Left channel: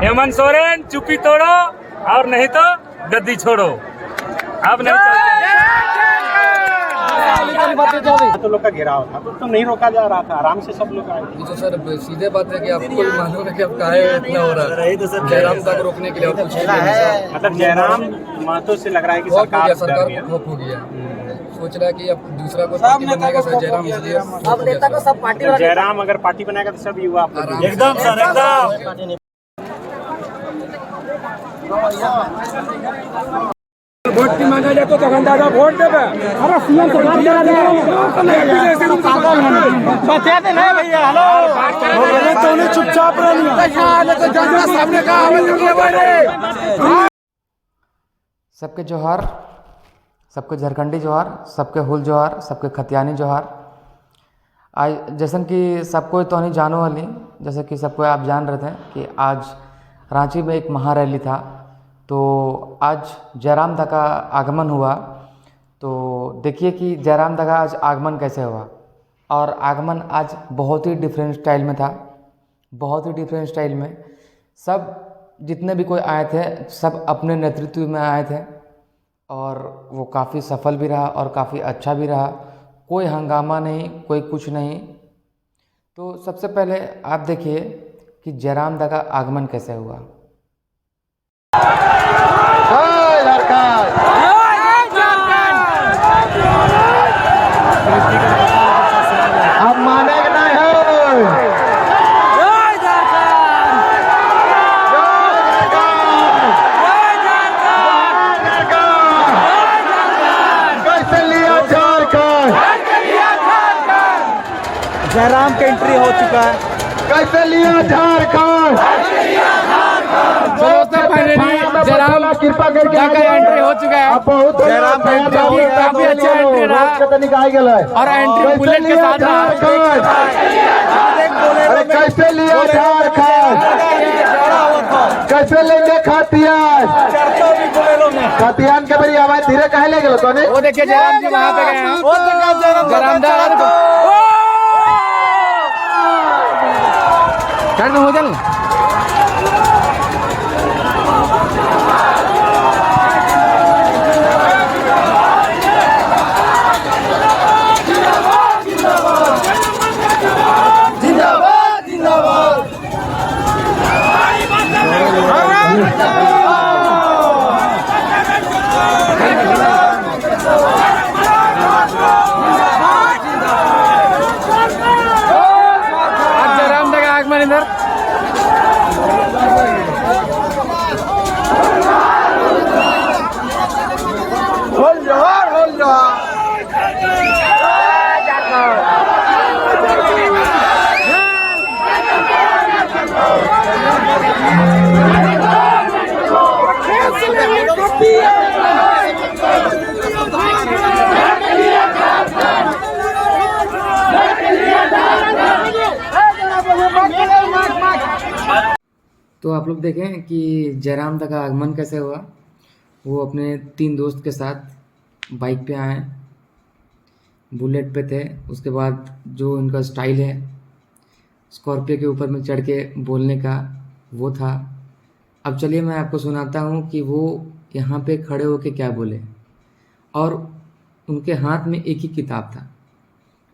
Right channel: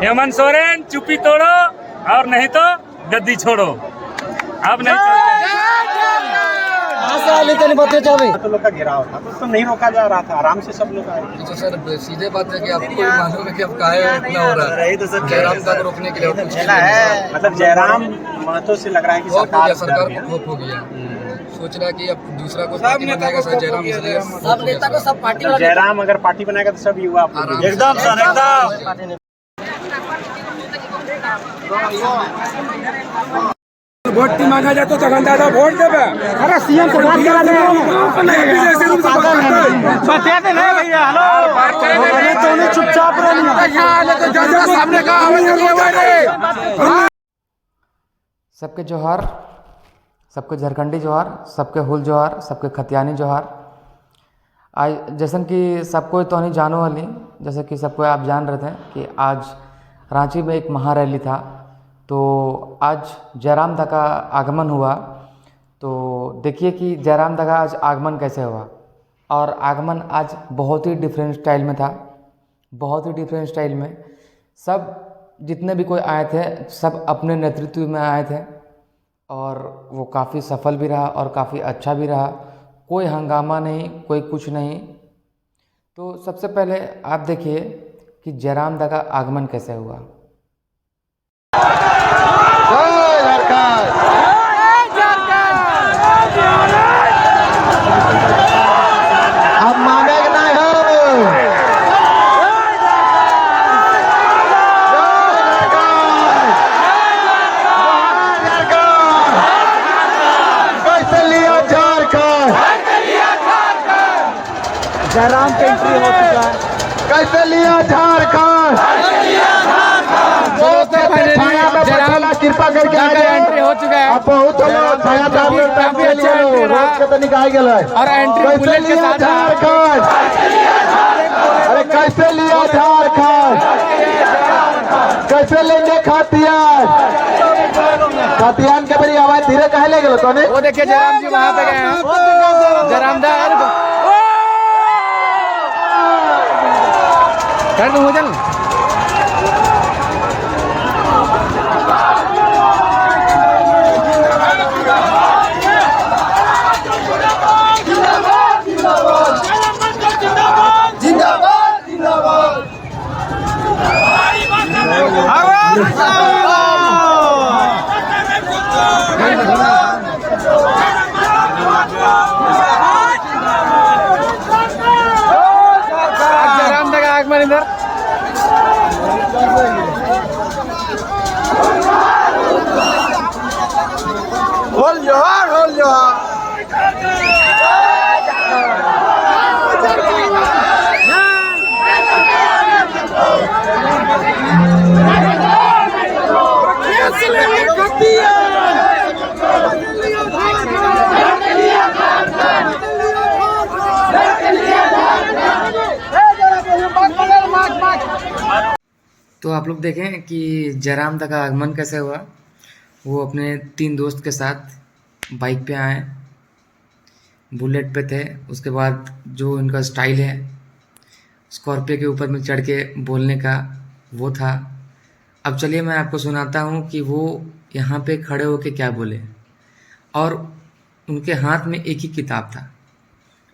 तो लोग का घेराव था तो नहीं रोका जा रहा था, आराम से सब लोग आए। तो सर सीधे बात है कि आपको भी मालूम है कि अब काहे इतना हो रहा है जयराम तक रोकने के लिए और कुछ नहीं। मतलब जयराम महतो से लग रहा है कि सरकार सरकार को खौफ हो गया, सोच रहा है कि अब दूसरा कोई पार्टी बनाएगा सर जयराम, इसलिए सब नेता को सब पार्टी मतलब जयराम अगर पार्टी बनाएगा तो सब युवा एकदम वोट की मांगा जाए तो दादा वोट देवे। अरे सीएम से बात करा दे, पागल है बचाते नहीं भैया। हेलो तो चुपचाप सबके जोहार, सबके झारखंडी जोहार, सबके हुल जोहार, सबके खतियानी जोहार। आज जैसन कि सबको तो नहीं जानो वाली, जैसे कि सबको आप जान रहे थे कि आज रांची में एक महारैली था। तो आज जयराम दा का आगमन हुआ। तो देखिए कि जयराम दा का आज आगमन कैसे हुआ। और आगमन आज बहुत ही डिफरेंट स्टाइल में था, बहुत ही डिफरेंट स्टाइल में। सब जितने भी कोई आए थे सब अपने नेतृत्व में आए थे और वो काफ़ी सफल भी रहा और काफ़ी अच्छा भी रहा। कोई हंगामा नहीं, कोई कुछ नहीं। तो सबसे पहले आप देखिए कि जयराम दा का आगमन कैसे हुआ। अब मानेगा नहीं हो। कैसे लिया झारखंड, जयराम की एंट्री हो चुका है। कैसे लिया झारखंड, जयराम कृपा करके एंट्री हो चुका है। अब बहुत काफी अच्छा एंट्री रहा निकाल गया और एंट्री बुलेट के साथ झारखंड। अरे कैसे लिया झारखंड, कैसे लेंगे खतियान, खतियान के बड़ी आवाज धीरे कहे ले गए तो वो देखिए जयराम जी वहाँ पे गए हैं। जयराम दा हो चल जयराम दा का आगमन इधर। तो आप लोग देखें कि जयराम दा का आगमन कैसे हुआ। वो अपने 3 दोस्त के साथ बाइक पे आए, बुलेट पे थे। उसके बाद जो इनका स्टाइल है स्कॉर्पियो के ऊपर में चढ़ के बोलने का, वो था। अब चलिए मैं आपको सुनाता हूँ कि वो यहाँ पे खड़े होके क्या बोले। और उनके हाथ में एक ही किताब था,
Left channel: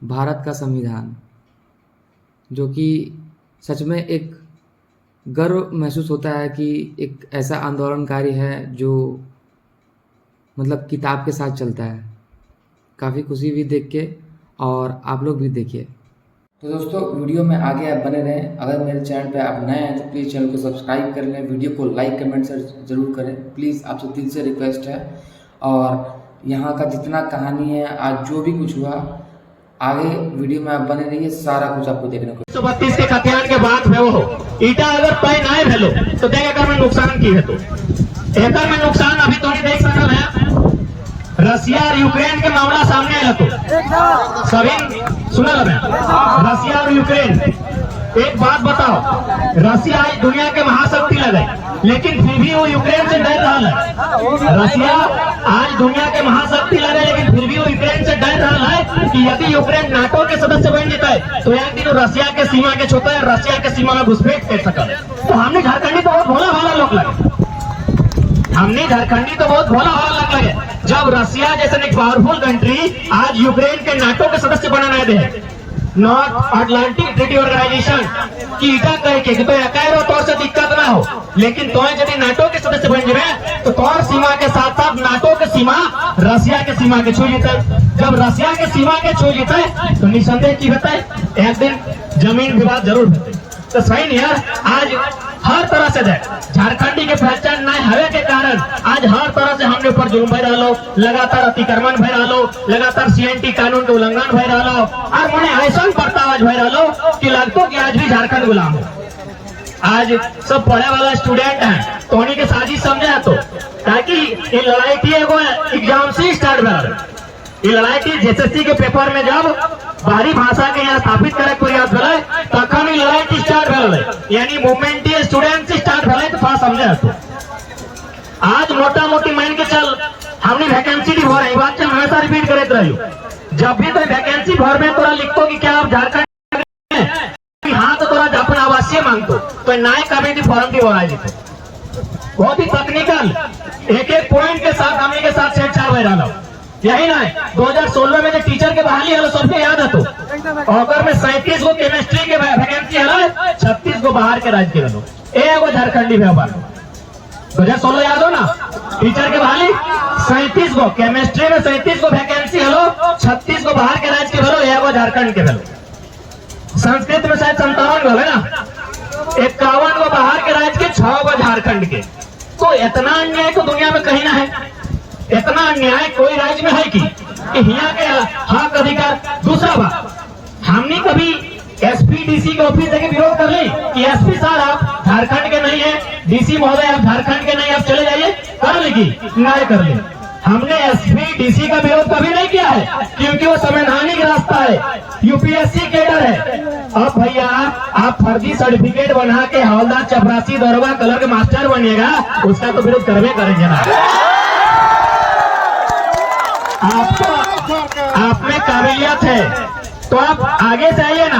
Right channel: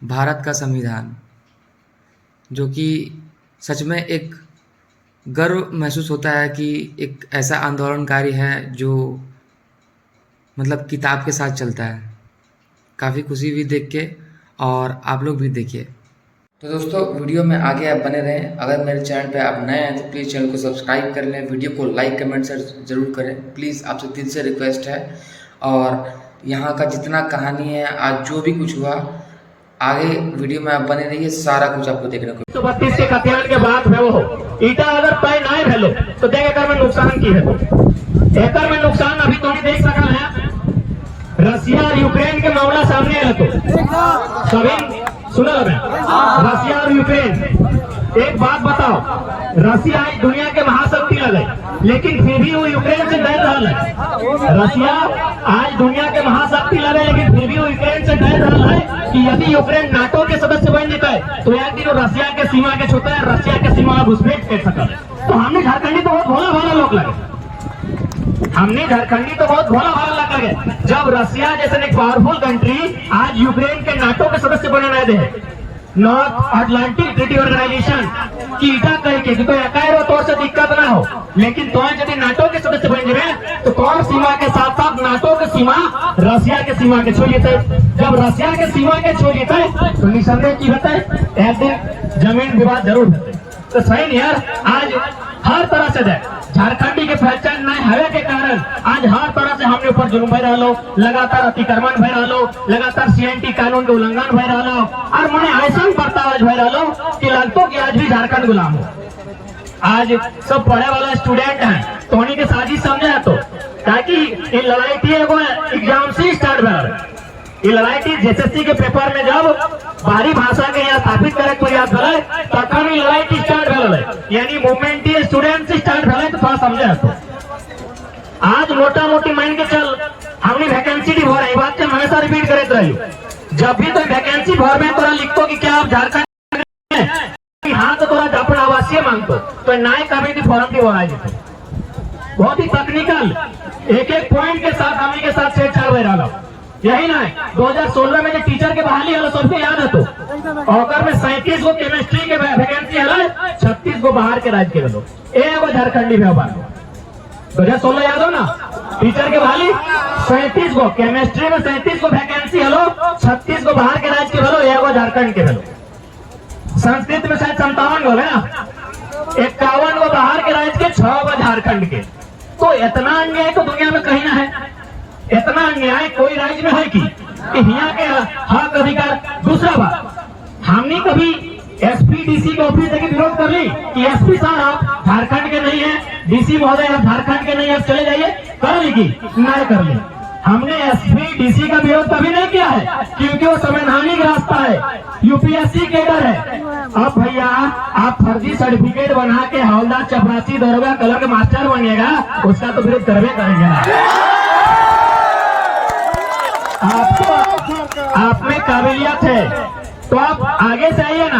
भारत का संविधान, जो कि सच में एक गर्व महसूस होता है कि एक ऐसा आंदोलनकारी है जो मतलब किताब के साथ चलता है। काफ़ी खुशी हुई देख के, और आप लोग भी देखिए। तो दोस्तों वीडियो में आगे आप बने रहें। अगर मेरे चैनल पे आप नए हैं तो प्लीज़ चैनल को सब्सक्राइब कर लें, वीडियो को लाइक कमेंट से ज़रूर करें प्लीज़, आपसे दिल से रिक्वेस्ट है। और यहाँ का जितना कहानी है, आज जो भी कुछ हुआ, आगे वीडियो में आप बने रहिए, सारा कुछ आपको देखने को। 132 के खतियान के बाद है वो ईटा अगर पैन आए भेलो तो देख एकर में नुकसान की है। एकर में नुकसान अभी तो नहीं देख सकल है। रसिया और यूक्रेन के मामला सामने आया तो सभी सुना रसिया और यूक्रेन। एक बात बताओ, रसिया आज दुनिया के महाशक्ति लगे, लेकिन फिर भी वो यूक्रेन से डर रहा है। रसिया आज दुनिया के महाशक्ति लगे, लेकिन फिर भी वो यूक्रेन से डर रहा है कि यदि यूक्रेन नाटो के सदस्य बन जाता है तो एक दिन रसिया के सीमा के छूता है, रसिया के सीमा में घुसपैठ कर सकता है। तो हमने झारखंडी तो बोला लगे। हमने झारखंडी तो बहुत भोला भाला लगे जब रसिया जैसे एक पावरफुल कंट्री आज यूक्रेन के नाटो के सदस्य बनाना दे, नॉर्थ अटलांटिक ट्रीटी ऑर्गेनाइजेशन की ईटा कह के तो एकाएक तौर से दिक्कत ना हो, लेकिन तो यदि नाटो के सदस्य बन जाए तो कौन सीमा के साथ साथ नाटो के सीमा रसिया के सीमा के छू लेते। जब रसिया के सीमा के छू लेते तो निसंदेह की होता है एक दिन जमीन विवाद जरूर होते। तो सही नहीं यार, आज हर तरह से झारखंडी के पहचान न हवे के कारण आज हर तरह से हमने ऊपर जुल्म भय रहा, लगातार अतिक्रमण भय रहा, लगातार सीएनटी कानून के उल्लंघन भय रहा और मैंने ऐसा बर्ताव भय रहा कि लगतो कि आज भी झारखंड गुलाम हो। आज सब पढ़े वाला स्टूडेंट हैं तो उन्हीं के साजिश समझे तो ताकि ये लड़ाई थी वो एग्जाम से स्टार्ट कर ये लड़ाई थी जेएसएससी के पेपर में जब बाहरी भाषा के यहाँ स्थापित करे कोई याद भले तखन ही लड़ाई थी स्टार्ट भले, यानी मूवमेंट स्टूडेंट से स्टार्ट भले तो थोड़ा समझे तो आज मोटा मोटी मान के चल हमने वैकेंसी भी भर है, बात हमेशा रिपीट करते रहियो। जब भी कोई वैकेंसी भर में तोरा लिखतो कि क्या आप झारखंड हाँ तो तोरा अपन आवासीय मांगतो तो नए कमेटी फॉर्म की भराई देते, बहुत ही टेक्निकल एक एक पॉइंट के साथ हमें के साथ छेड़छाड़ हो रहा। यही ना 2016 में जो टीचर के बहाली है सबसे याद है तो अगर में 37 गो केमिस्ट्री के वैकेंसी है 36 गो बाहर के राज्य के लोग एगो झारखंडी व्यापार 2016 याद हो ना, टीचर के बहाली 37 गो केमिस्ट्री में 37 गो वैकेंसी है 36 गो बाहर के राज्य के भलो एगो झारखंड के भलो, संस्कृत में शायद 57 गो है ना, 51 गो बाहर के राज्य के 6 गो झारखंड के। तो इतना अन्याय तो दुनिया में कहीं ना है, इतना अन्याय कोई राज्य में है कि यहाँ के हक अधिकार। दूसरा बात हमने कभी एसपी डीसी के ऑफिस के विरोध कर ली कि एसपी साहब आप झारखंड के नहीं है, डीसी महोदय आप झारखंड के नहीं, आप चले जाइए, कर ली की नहीं कर ली। हमने एसपी डीसी का विरोध कभी नहीं किया है क्योंकि वो संवैधानिक रास्ता है, यूपीएससी कैडर है। अब भैया आप फर्जी सर्टिफिकेट बना के हवलदार चपरासी दरोगा कलर के मास्टर बनिएगा, उसका तो विरोध करवे करेंगे ना। आपको आप में काबिलियत है तो आप आगे से आइए ना,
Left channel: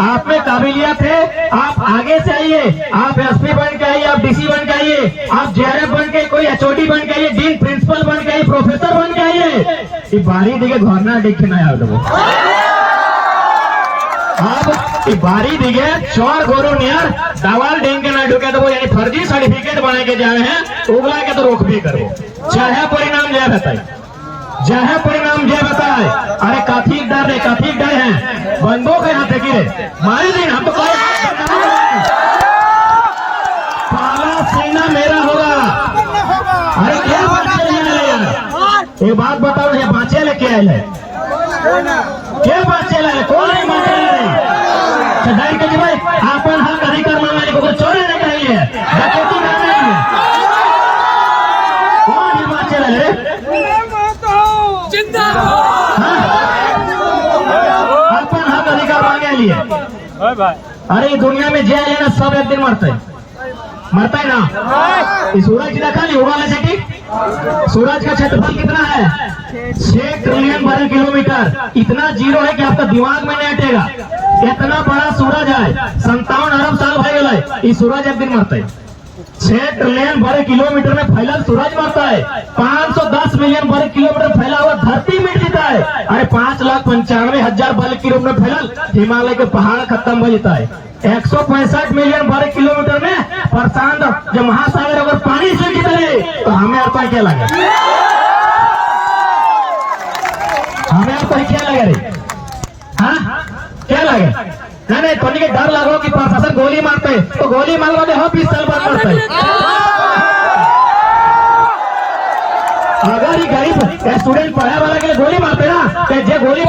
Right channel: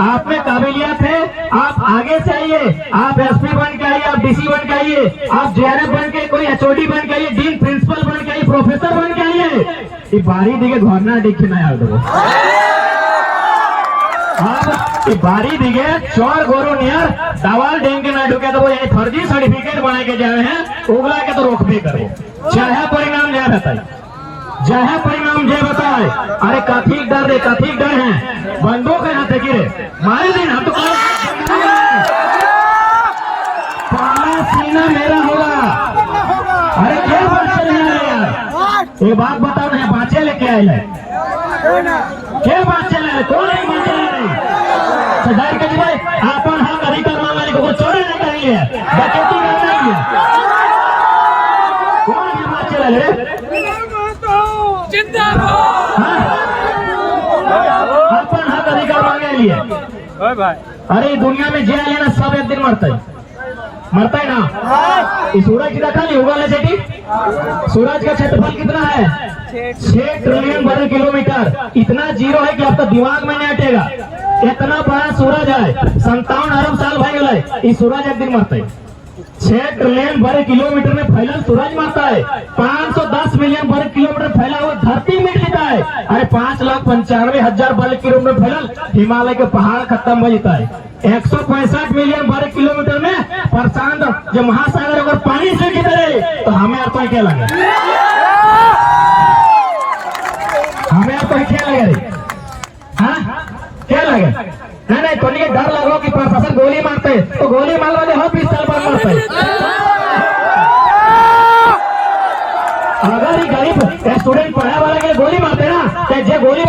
आप में काबिलियत है आप आगे से आइए, आप एसपी बन के आइए, आप डीसी बन के आइए, आप जेआरएफ बन के, कोई एचओडी बन के आइए, डीन प्रिंसिपल बन के आइए, प्रोफेसर बन के आइए। ये बारी दिखे घरना देखे ना याद हो अब बारी दिखे चौर गोरो नियर दावाल डेंग के ना ढुके तो वो यानी फर्जी सर्टिफिकेट बना के जाए हैं उगला के तो रोकबे करो, चाहे परिणाम जय बताए, चाहे परिणाम जय बताए। अरे काफी डर है, काफी डर है, बंदों के हाथ गिरे मारे दिन हम तो पाला सीना मेरा होगा। अरे क्या बात यार, ये बात बताओ ना, बाँचे लेके आए है क्या बाँचे लाए, कौन है बाँचे लाए के भाई आपन हक अधिकार मांगने को चोरे नहीं चाहिए, डकैती नहीं चाहिए, कौन है बाँचे लाए अपन हक अधिकार मांगने लिए। अरे दुनिया में जेल लेना सब एक दिन मरता है ना। इस सूरज की देखा नहीं उड़ाने से की सूरज का क्षेत्रफल कितना है 6 ट्रिलियन वर्ग किलोमीटर, इतना जीरो है कि आपका दिमाग में नहीं हटेगा। इतना बड़ा सूरज है, 57 अरब साल भर गए, इस सूरज एक दिन मरता है। 6 ट्रिलियन वर्ग किलोमीटर में फैला सूरज मरता है, 510 मिलियन वर्ग किलोमीटर फैला हुआ धरती मिट जाता है। अरे 5,95,000 वर्ग किलोमीटर फैला हिमालय के पहाड़ खत्म हो जाता है। 165 मिलियन वर्ग किलोमीटर में प्रशांत जो महासागर अगर पानी से निकले तो हमें आता क्या लगे, हमें आता क्या लगे रे, हाँ क्या लगे, नहीं तो नहीं डर लगा कि प्रशासन गोली मारते तो गोली मार वाले हो 20 साल बाद मरते। अगर ही गरीब स्टूडेंट पढ़ा वाला के गोली मारते ना तो जे गोली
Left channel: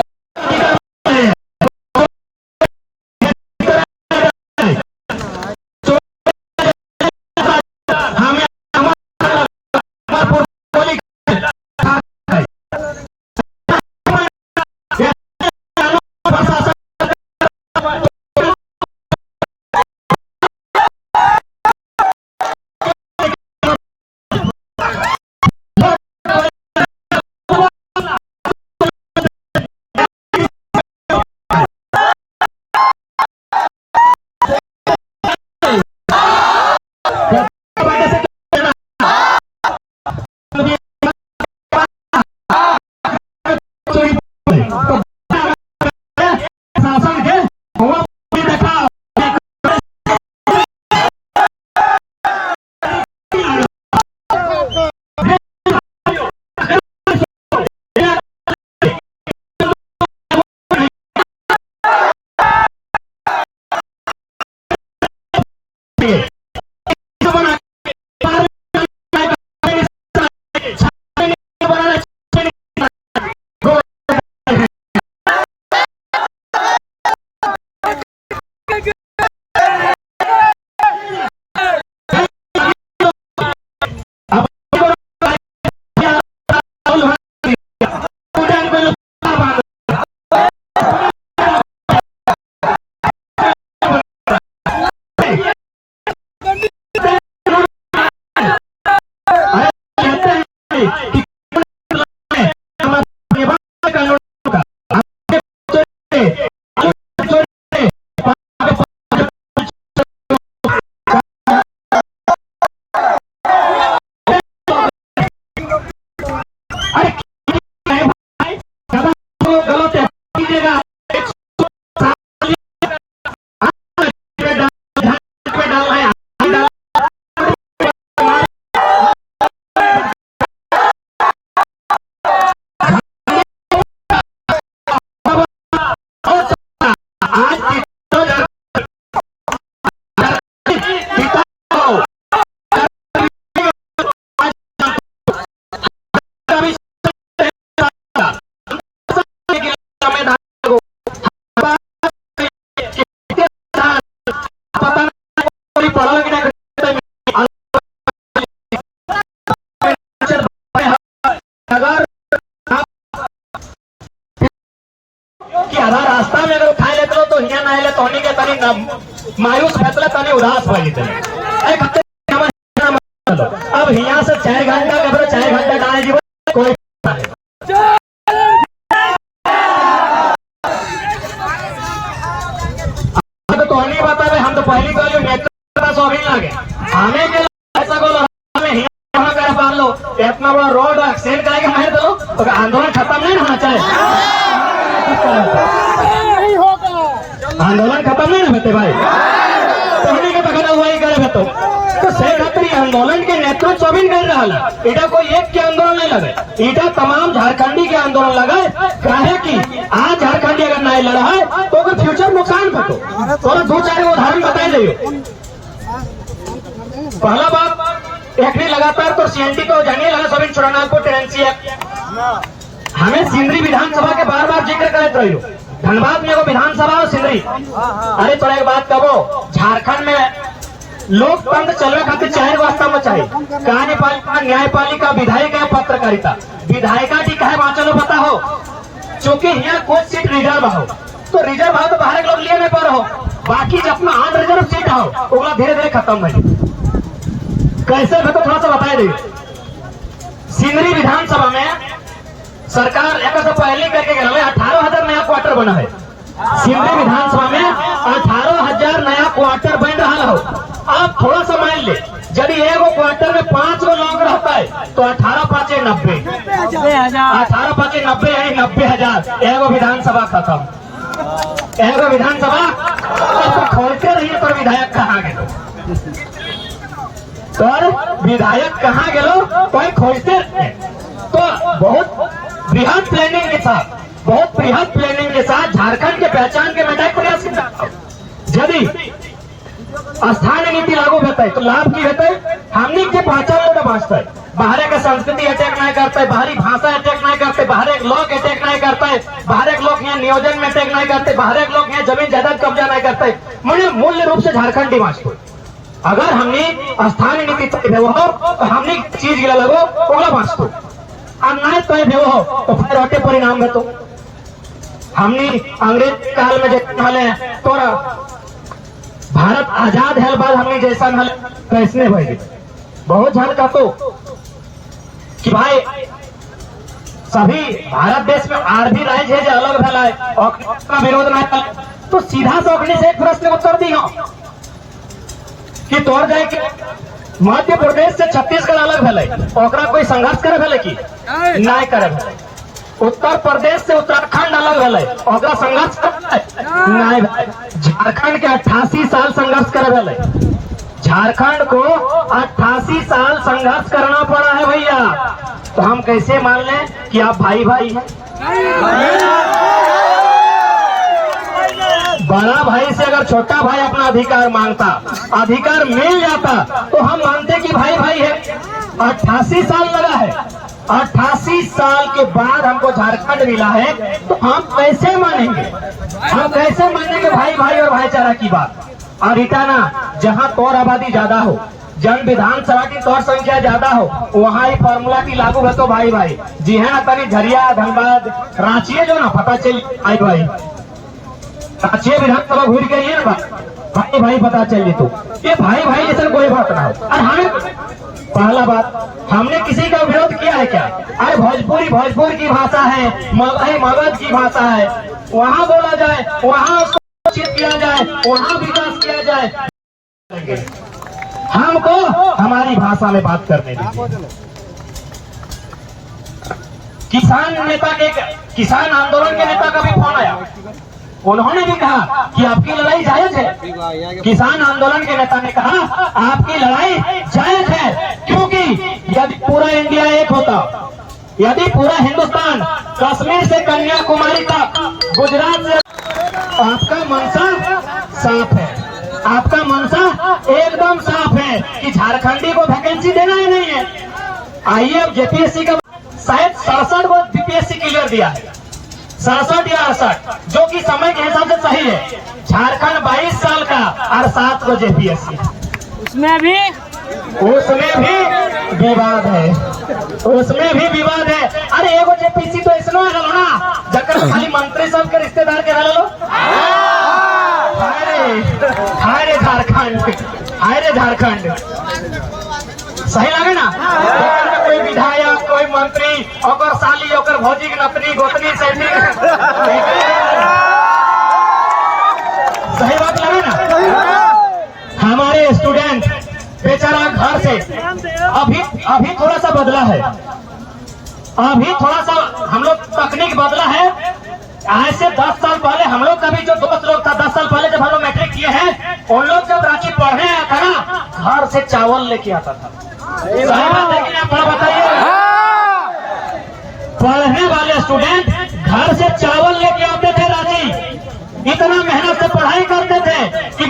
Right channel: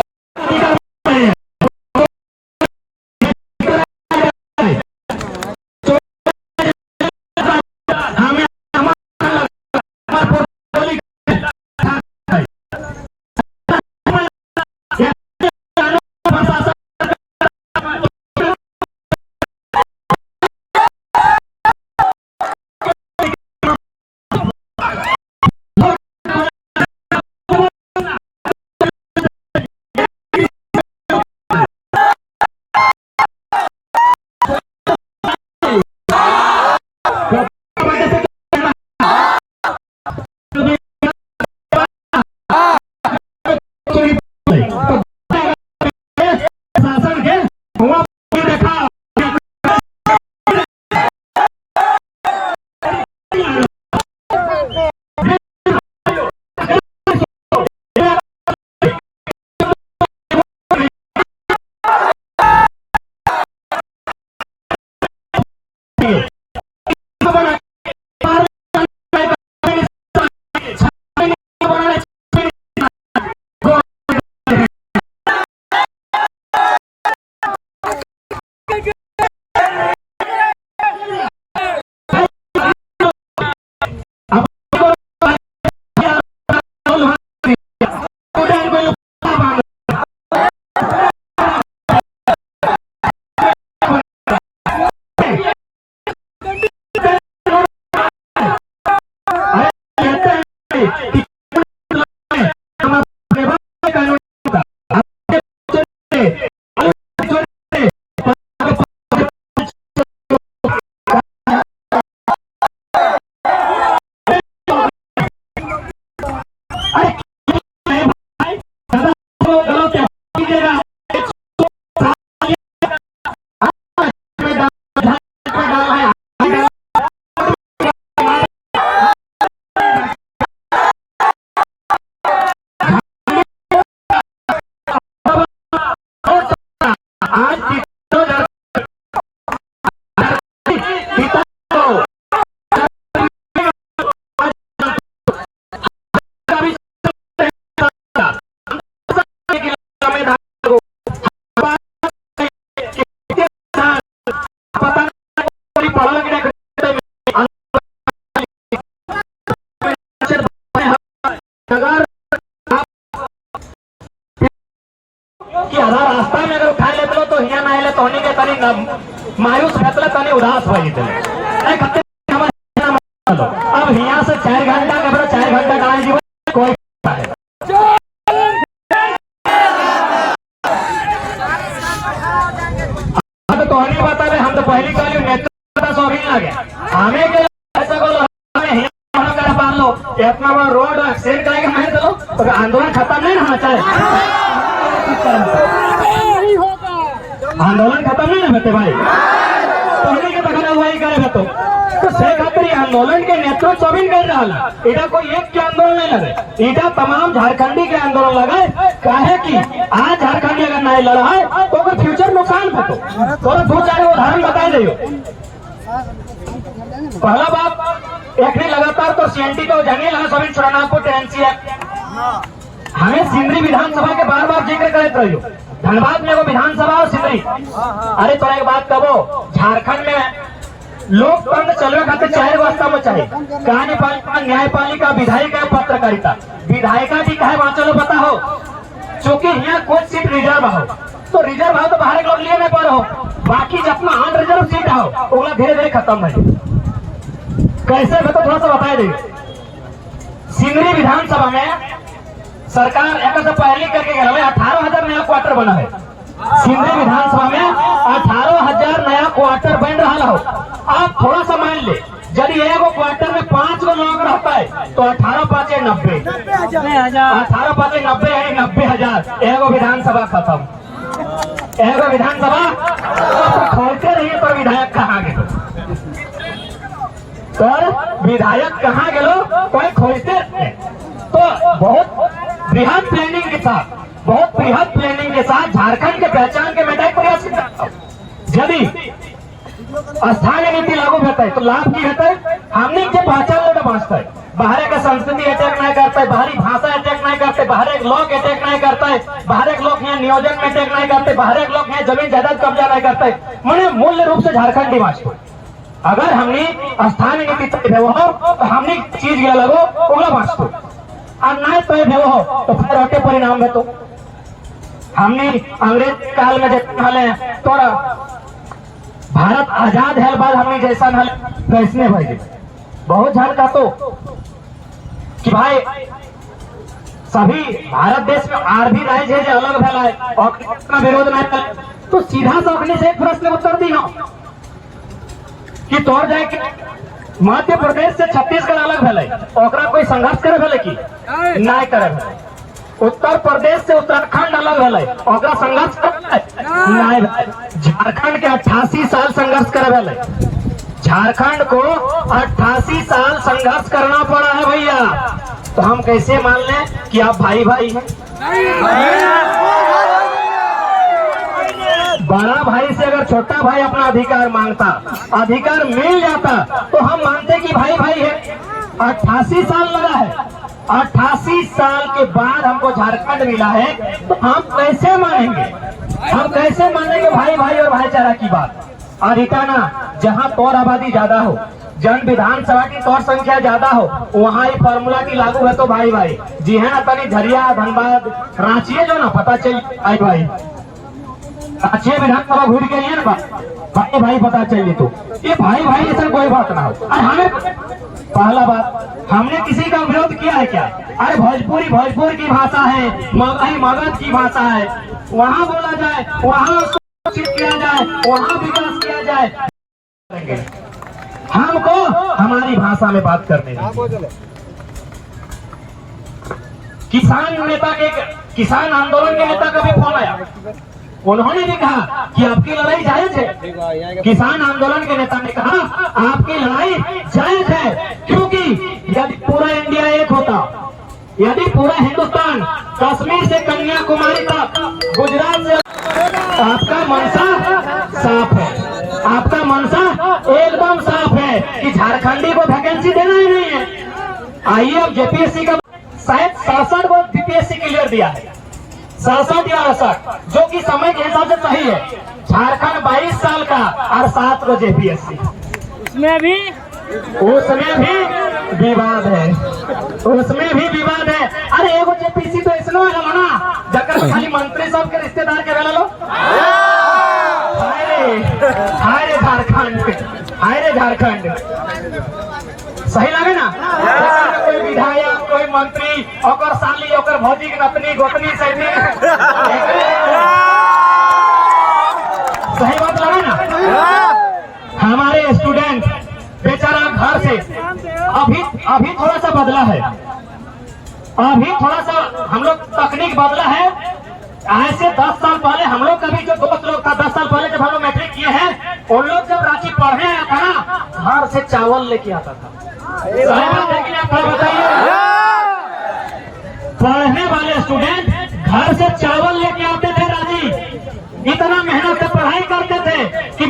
अब यहाँ से 4 घंटा का 4 घंटा गाने जीवन कोई तो नहीं बता रहे, हम तो पहली कॉल नेता शौकीन लगे हमें के ऐसा बोलो हमें यहाँ कर पा लो इतना बड़ा रोड एक्सीडेंट कराएंगे हमें तो आंदोलन खत्म नहीं होना चाहिए। आंदोलन खत्म नहीं होते भाई, पहले के बगैर वही करे तो से खातिर आंदोलन के नेतृत्व भी कर रहा है। इटा कोई एक के आंदोलन नहीं लगे, इटा तमाम झारखंडी के आंदोलन लगे। काहे कि आज झारखंडी अगर नहीं लड़ा है तो अगर फ्यूचर नुकसान है तो 2-4 उदाहरण बताए दे। पहला बात एक लगातार तो सीएनटी को जानिए लगा सभी चुनाव को टेरेंसी है। हमें सिंदरी विधानसभा के बार जिक्र करते रहियो, धनबाद में वो विधानसभा और सिंदरी। अरे तो एक बात कहो, झारखंड में लोकतंत्र चलने खातिर 4 वास्ता में चाहिए, कार्यपालिका, न्यायपालिका, विधायिका, पत्रकारिता। विधायिका ठीक है वहां चलो पता हो, चूंकि यहाँ कुछ सीट रिजर्व हो तो रिजर्व हो तो बाहर लोग लिए नहीं पा रहे हो, बाकी जब अपना 8 रिजर्व सीट हो वो धीरे धीरे खत्म नहीं। कैसे मैं तो थोड़ा सा बताए दी। सिंदरी विधानसभा में सरकार एक पहले करके 18,000 नया क्वार्टर बना है। सिंदरी विधानसभा में 18,000 नया क्वार्टर बन रहा हो। आप थोड़ा सा मान ले, यदि एगो क्वार्टर में 5 लोग रहता है तो 18-5 90, 18-5 90 है 90,000। एगो विधानसभा खत्म, एगो विधानसभा खोलते रहिए तो विधायक कहाँ गए, तो विधायक कहाँ गए कोई खोजते रहे। तो बहुत बृहद प्लानिंग के साथ, बहुत बृहद प्लानिंग के साथ झारखंड के पहचान के बेटा प्रयास करता है। यदि स्थानीय नीति लागू होता है तो लाभ की होता है, हमने के पहचान लोग बांचता है। बाहर का संस्कृति अटैक नहीं करता है, बाहरी भाषा अटैक नहीं करते, बाहर एक लोग अटैक नहीं करता है, बाहर एक लोग यहाँ नियोजन में अटैक नहीं करते, बाहर एक लोग यहाँ जमीन जायदाद कब्जा नहीं करते। मैंने मूल्य रूप से झारखंड बांचते। अगर हमने स्थानीय नीति तय हो तो हमने चीज गया लगो ओला बांचते, अब नहीं तय हो तो फिर अटे परिणाम है। तो हमने अंग्रेज काल में जितने थोड़ा भारत आजाद है बाद हमने जैसा कैसने भाई बहुत झल का तो कि भाई सभी भारत देश में आरबी राज्य है जो अलग भला है और विरोध नहीं, तो सीधा सौखने से एक प्रश्न उत्तर दी हो कि तोड़ जाए कि मध्य प्रदेश से छत्तीसगढ़ अलग भले ओकरा कोई संघर्ष करे भले की नहीं करे भले, उत्तर प्रदेश से उत्तराखंड अलग भले ओकरा संघर्ष करे नहीं भले। झारखंड के 88 साल संघर्ष करे भले, झारखंड को 88 साल संघर्ष करना पड़ा है भैया। तो हम कैसे मान लें कि आप भाई भाई हैं? बड़ा भाई से अगर छोटा भाई अपना अधिकार मांगता, अधिकार मिल जाता तो हम मानते कि भाई भाई है। 88 साल लगा है, 88 साल के बाद हमको झारखंड मिला है, तो हम कैसे मानेंगे? हम कैसे मानेंगे भाई भाई और भाईचारा की बात? और इटाना जहाँ तौर आबादी ज्यादा हो, जन विधानसभा की तौर संख्या ज्यादा हो, वहाँ ही फॉर्मूला की लागू है तो भाई भाई। जी हाँ, तभी झरिया, धनबाद, रांची जो ना पता चल भाई भाई, रांची विधानसभा घूर के नहीं है ना भाई भाई पता चल तो ये भाई भाई ऐसा कोई बात ना हो। अरे हमें पहला बात, हमने किसी का विरोध किया है क्या? अरे भोजपुर की भाषा है, मगध की भाषा है, वहाँ बोला जाए, वहाँ उसको किया जाए, वहाँ विकास किया जाए। हमको हमारी भाषा में बात करने दीजिए। किसान आंदोलन के नेता का भी फोन आया, उन्होंने भी कहा कि आपकी लड़ाई जायज है। किसान आंदोलन के नेता ने कहा आपकी लड़ाई जायज है, क्योंकि यदि पूरा इंडिया एक होता, यदि पूरा हिंदुस्तान कश्मीर से कन्याकुमारी तक, गुजरात से, आपका मनसा साफ है, आपका मनसा एकदम साफ है कि झारखंडी को वैकेंसी देना ही नहीं है। आइए अब जेपीएससी का शायद 67 को बीपीएससी क्लियर दिया है, 67 या 68, जो कि समय के हिसाब से सही है। झारखंड 22 साल का और 7 को जेपीएससी, उसमें भी विवाद है, उसमें भी विवाद है। अरे एगो जेपीएससी तो इसनो है ना जकर खाली मंत्री सब के रिश्तेदार के लो। हाय रे झारखंड, हाय रे झारखंड, सही लगे ना? कोई विधायक, कोई मंत्री, ओकर साली, ओकर भौजी, नतनी, गोतनी, सही सही बात लगे ना? हमारे स्टूडेंट बेचारा घर से अभी थोड़ा सा बदला है, अभी थोड़ा सा हम लोग तकनीक बदला है। आज से 10 साल पहले हम लोग का भी जो दोस्त लोग था, 10 साल पहले जब हम लोग मैट्रिक किए हैं, उन लोग जब रांची पढ़ने आया था ना, घर से चावल लेके आता था। लेकिन आप बताइए, पढ़ने वाले स्टूडेंट घर से चावल लेके आते थे रांची, इतना मेहनत से पढ़ाई करते थे कि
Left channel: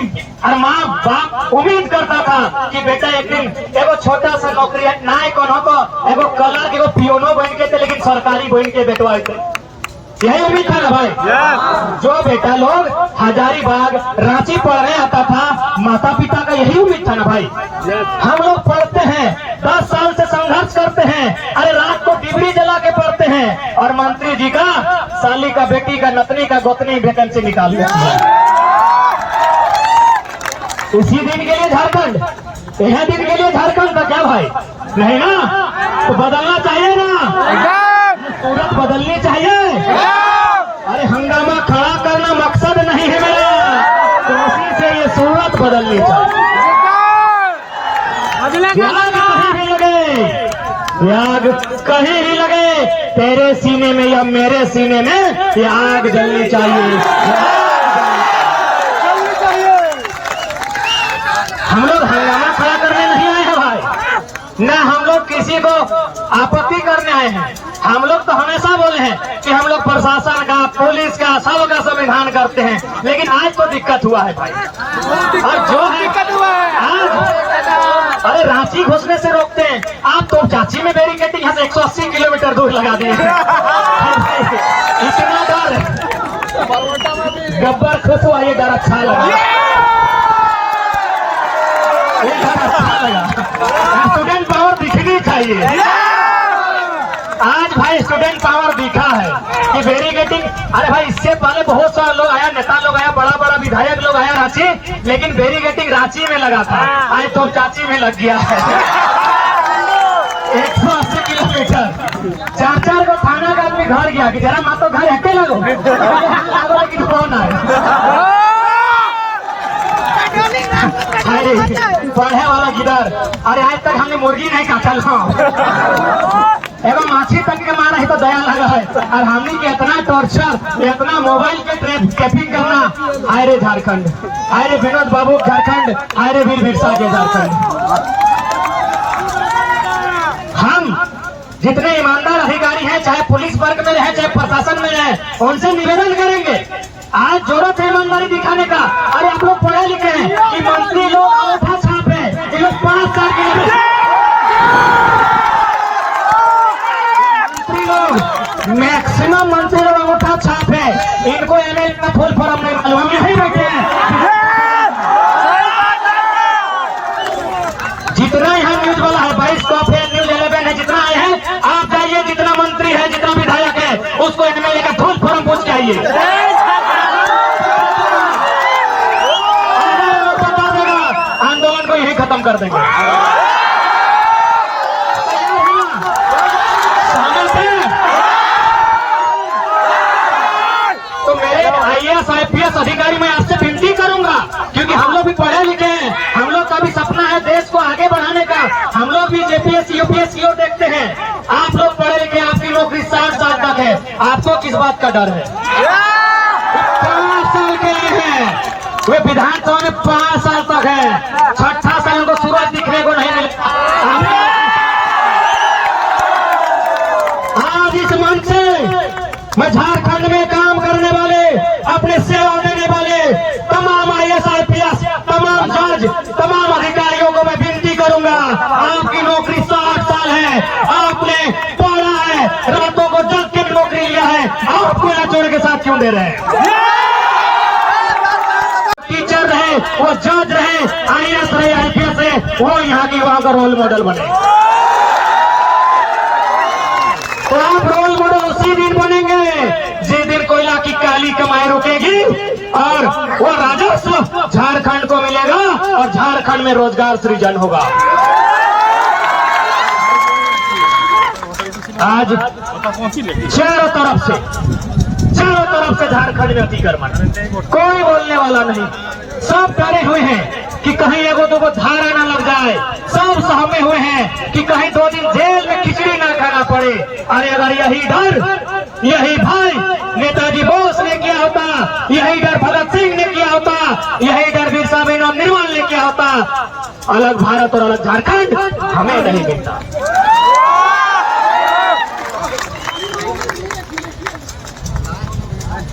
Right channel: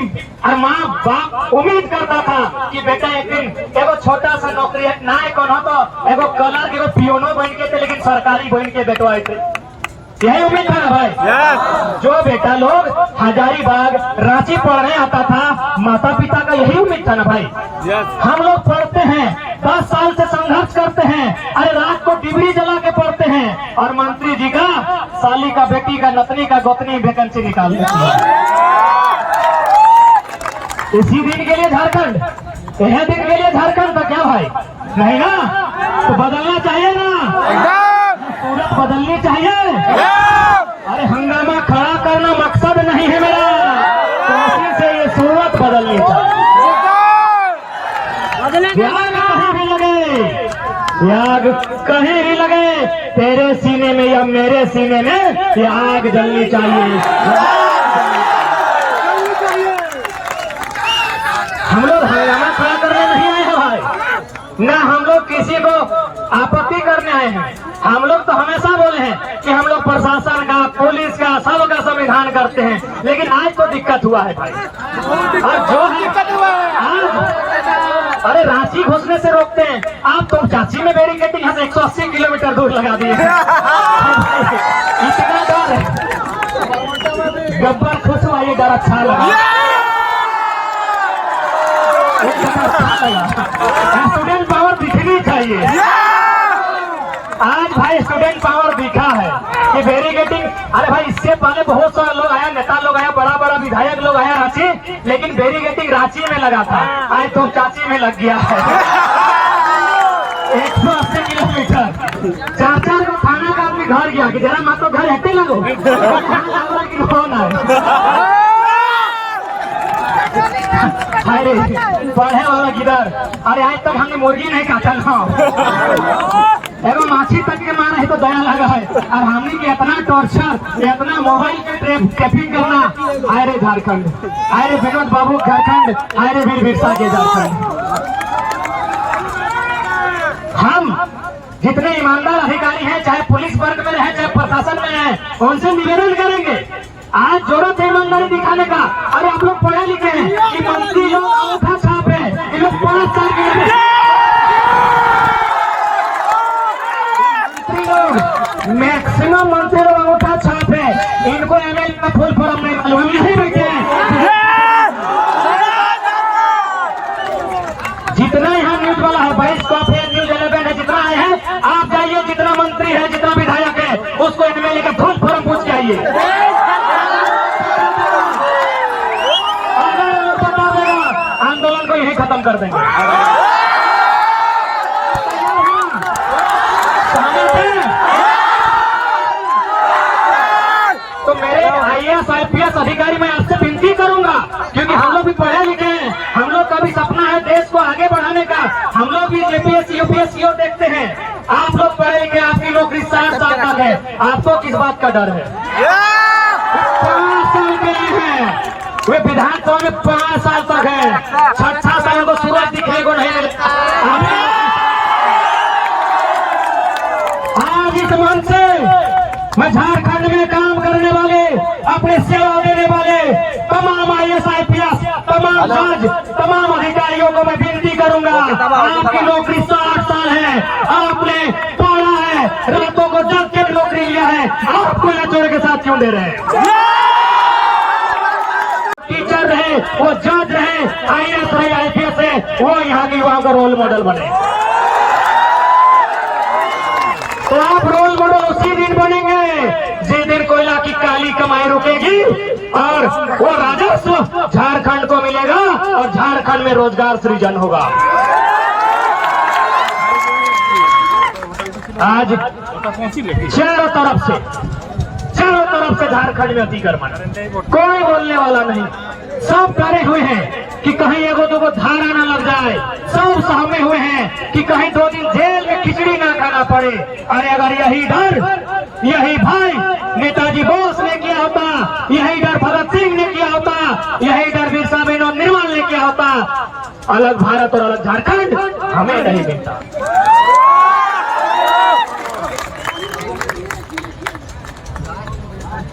माँ बाप उम्मीद करता था कि बेटा एक दिन एगो छोटा सा नौकरी है ना, कोनो तो एगो कलर एगो पियोनो बन के थे, लेकिन सरकारी बन के बेटवाए थे। यही उम्मीद था ना भाई? जो बेटा लोग हजारीबाग रांची पढ़ने आता था, माता पिता का यही उम्मीद था ना भाई? हम लोग पढ़ते हैं, 10 साल से संघर्ष करते हैं, अरे रात को डिबरी जला के पढ़ते हैं, और मंत्री जी का साली का, बेटी का, नतनी का, गोतनी वैकेंसी निकाल देते हैं। इसी दिन के लिए झारखंड, यह दिन के लिए झारखंड का क्या भाई? नहीं ना? तो बदलना चाहिए ना, सूरत बदलनी चाहिए। अरे हंगामा खड़ा करना मकसद नहीं है मेरा, कोशिश से ये सूरत बदलनी चाहिए। याग कहीं भी लगे, याग कहीं भी लगे, तेरे सीने में या मेरे सीने में ये आग जलनी चाहिए। हम लोग हंगामा खड़ा करने नहीं आए हैं भाई, ना हम लोग किसी को आपत्ति करने आए हैं। हम लोग तो हमेशा बोले हैं कि हम लोग प्रशासन का, पुलिस का, सबका संविधान करते हैं, लेकिन आज तो दिक्कत हुआ है भाई। जो दिक्कत हुआ है आज, अरे रांची घुसने से रोकते हैं, आप तो चाची में बैरिकेडिंग यहाँ से 180 किलोमीटर दूर लगा दिए हैं। इतना डर है, गब्बर खुश हुआ, ये डर अच्छा लगा, स्टूडेंट पावर दिखनी चाहिए। आज भाई स्टूडेंट पावर दिखा है कि बैरिकेडिंग, अरे भाई इससे पहले बहुत सारे लोग आया, नेता लोग आया, बड़ा बड़ा विधायक लोग आया रांची, लेकिन बैरिकेडिंग रांची में लगा था, आज तो चाची में लग गया है। 180 किलोमीटर, 4 को थाना का आदमी घर गया कि जरा माँ तो घर हटे लगो, लेकिन कौन है? अरे पढ़े वाला किधर? अरे आज तक हमने मुर्गी नहीं काटल एवं माछी तक के मारा है तो दया लगा है, और हमने के इतना टॉर्चर, इतना मोबाइल पे ट्रैपिंग करना। आए रे झारखंड, आए रे विनोद बाबू झारखंड, आए रे वीर बिरसा के झारखंड। हम जितने ईमानदार अधिकारी हैं, चाहे पुलिस वर्ग में रहे, चाहे प्रशासन में रहे, उनसे निवेदन करेंगे, आज जरूरत है ईमानदारी दिखाने का। अरे आप लोग पढ़े लिखे हैं, कि मंत्री लोग अंगूठा छाप है, ये लोग 5 साल के मंत्री लोग, मैक्सिमम मंत्री लोग अंगूठा छाप है, इनको एमएलए का फुल फॉर्म नहीं मालूम, हम यही बैठे हैं। जितना यहाँ न्यूज वाला है, 22 कॉप है, न्यूज 11 है, जितना आए हैं, आप जाइए, जितना मंत्री है, जितना विधायक है, उसको एमएलए का फुल फॉर्म पूछ के आइए। आंदोलन को यही खत्म कर देंगे। तो मेरे IAS IPS अधिकारी, मैं आपसे विनती करूंगा, क्योंकि हम लोग भी पढ़े लिखे हैं, हम लोग का भी सपना है देश को आगे बढ़ाने का, हम लोग भी JPS UPS CO देखते हैं। आप लोग पढ़े लिखे, आपकी नौकरी 60 साल तक है, आपको किस बात का डर है? 5 साल के लिए है, वे विधानसभा में 5 साल तक है, 6ठा साल को सूरज दिखने को नहीं मिलता। आज इस मंच से मैं झारखंड में काम करने वाले, अपने सेवा देने वाले तमाम IAS IPS, तमाम जज, तमाम अधिकारियों को मैं विनती करूंगा, आपकी नौकरी 60 साल है, आपने पढ़ा है, रातों को जग के नौकरी लिया है, आपको छोड़ के साथ क्यों दे रहे हैं? टीचर रहे, वो जज रहे, IAS रहे, IPS रहे, वो यहाँ की वहां का रोल मॉडल बने। तो आप रोल मॉडल उसी दिन बनेंगे जिस दिन कोयला की काली कमाई रुकेगी और वो राजस्व झारखंड को मिलेगा, और झारखंड में में रोजगार सृजन होगा। आज चारों तरफ से झारखंड में अतिक्रमण, कोई बोलने वाला नहीं, सब डरे हुए हैं कि कहीं एगो दो धारा न लग जाए, सब सहमे हुए हैं कि कहीं 2 दिन जेल में खिचड़ी ना खाना पड़े। अरे अगर यही डर, यही भय नेताजी बोस ने किया होता, यही डर भगत सिंह ने किया होता, यही डर बिरसा मुंडा निर्मल ने किया होता, अलग भारत और अलग झारखंड हमें नहीं मिलता।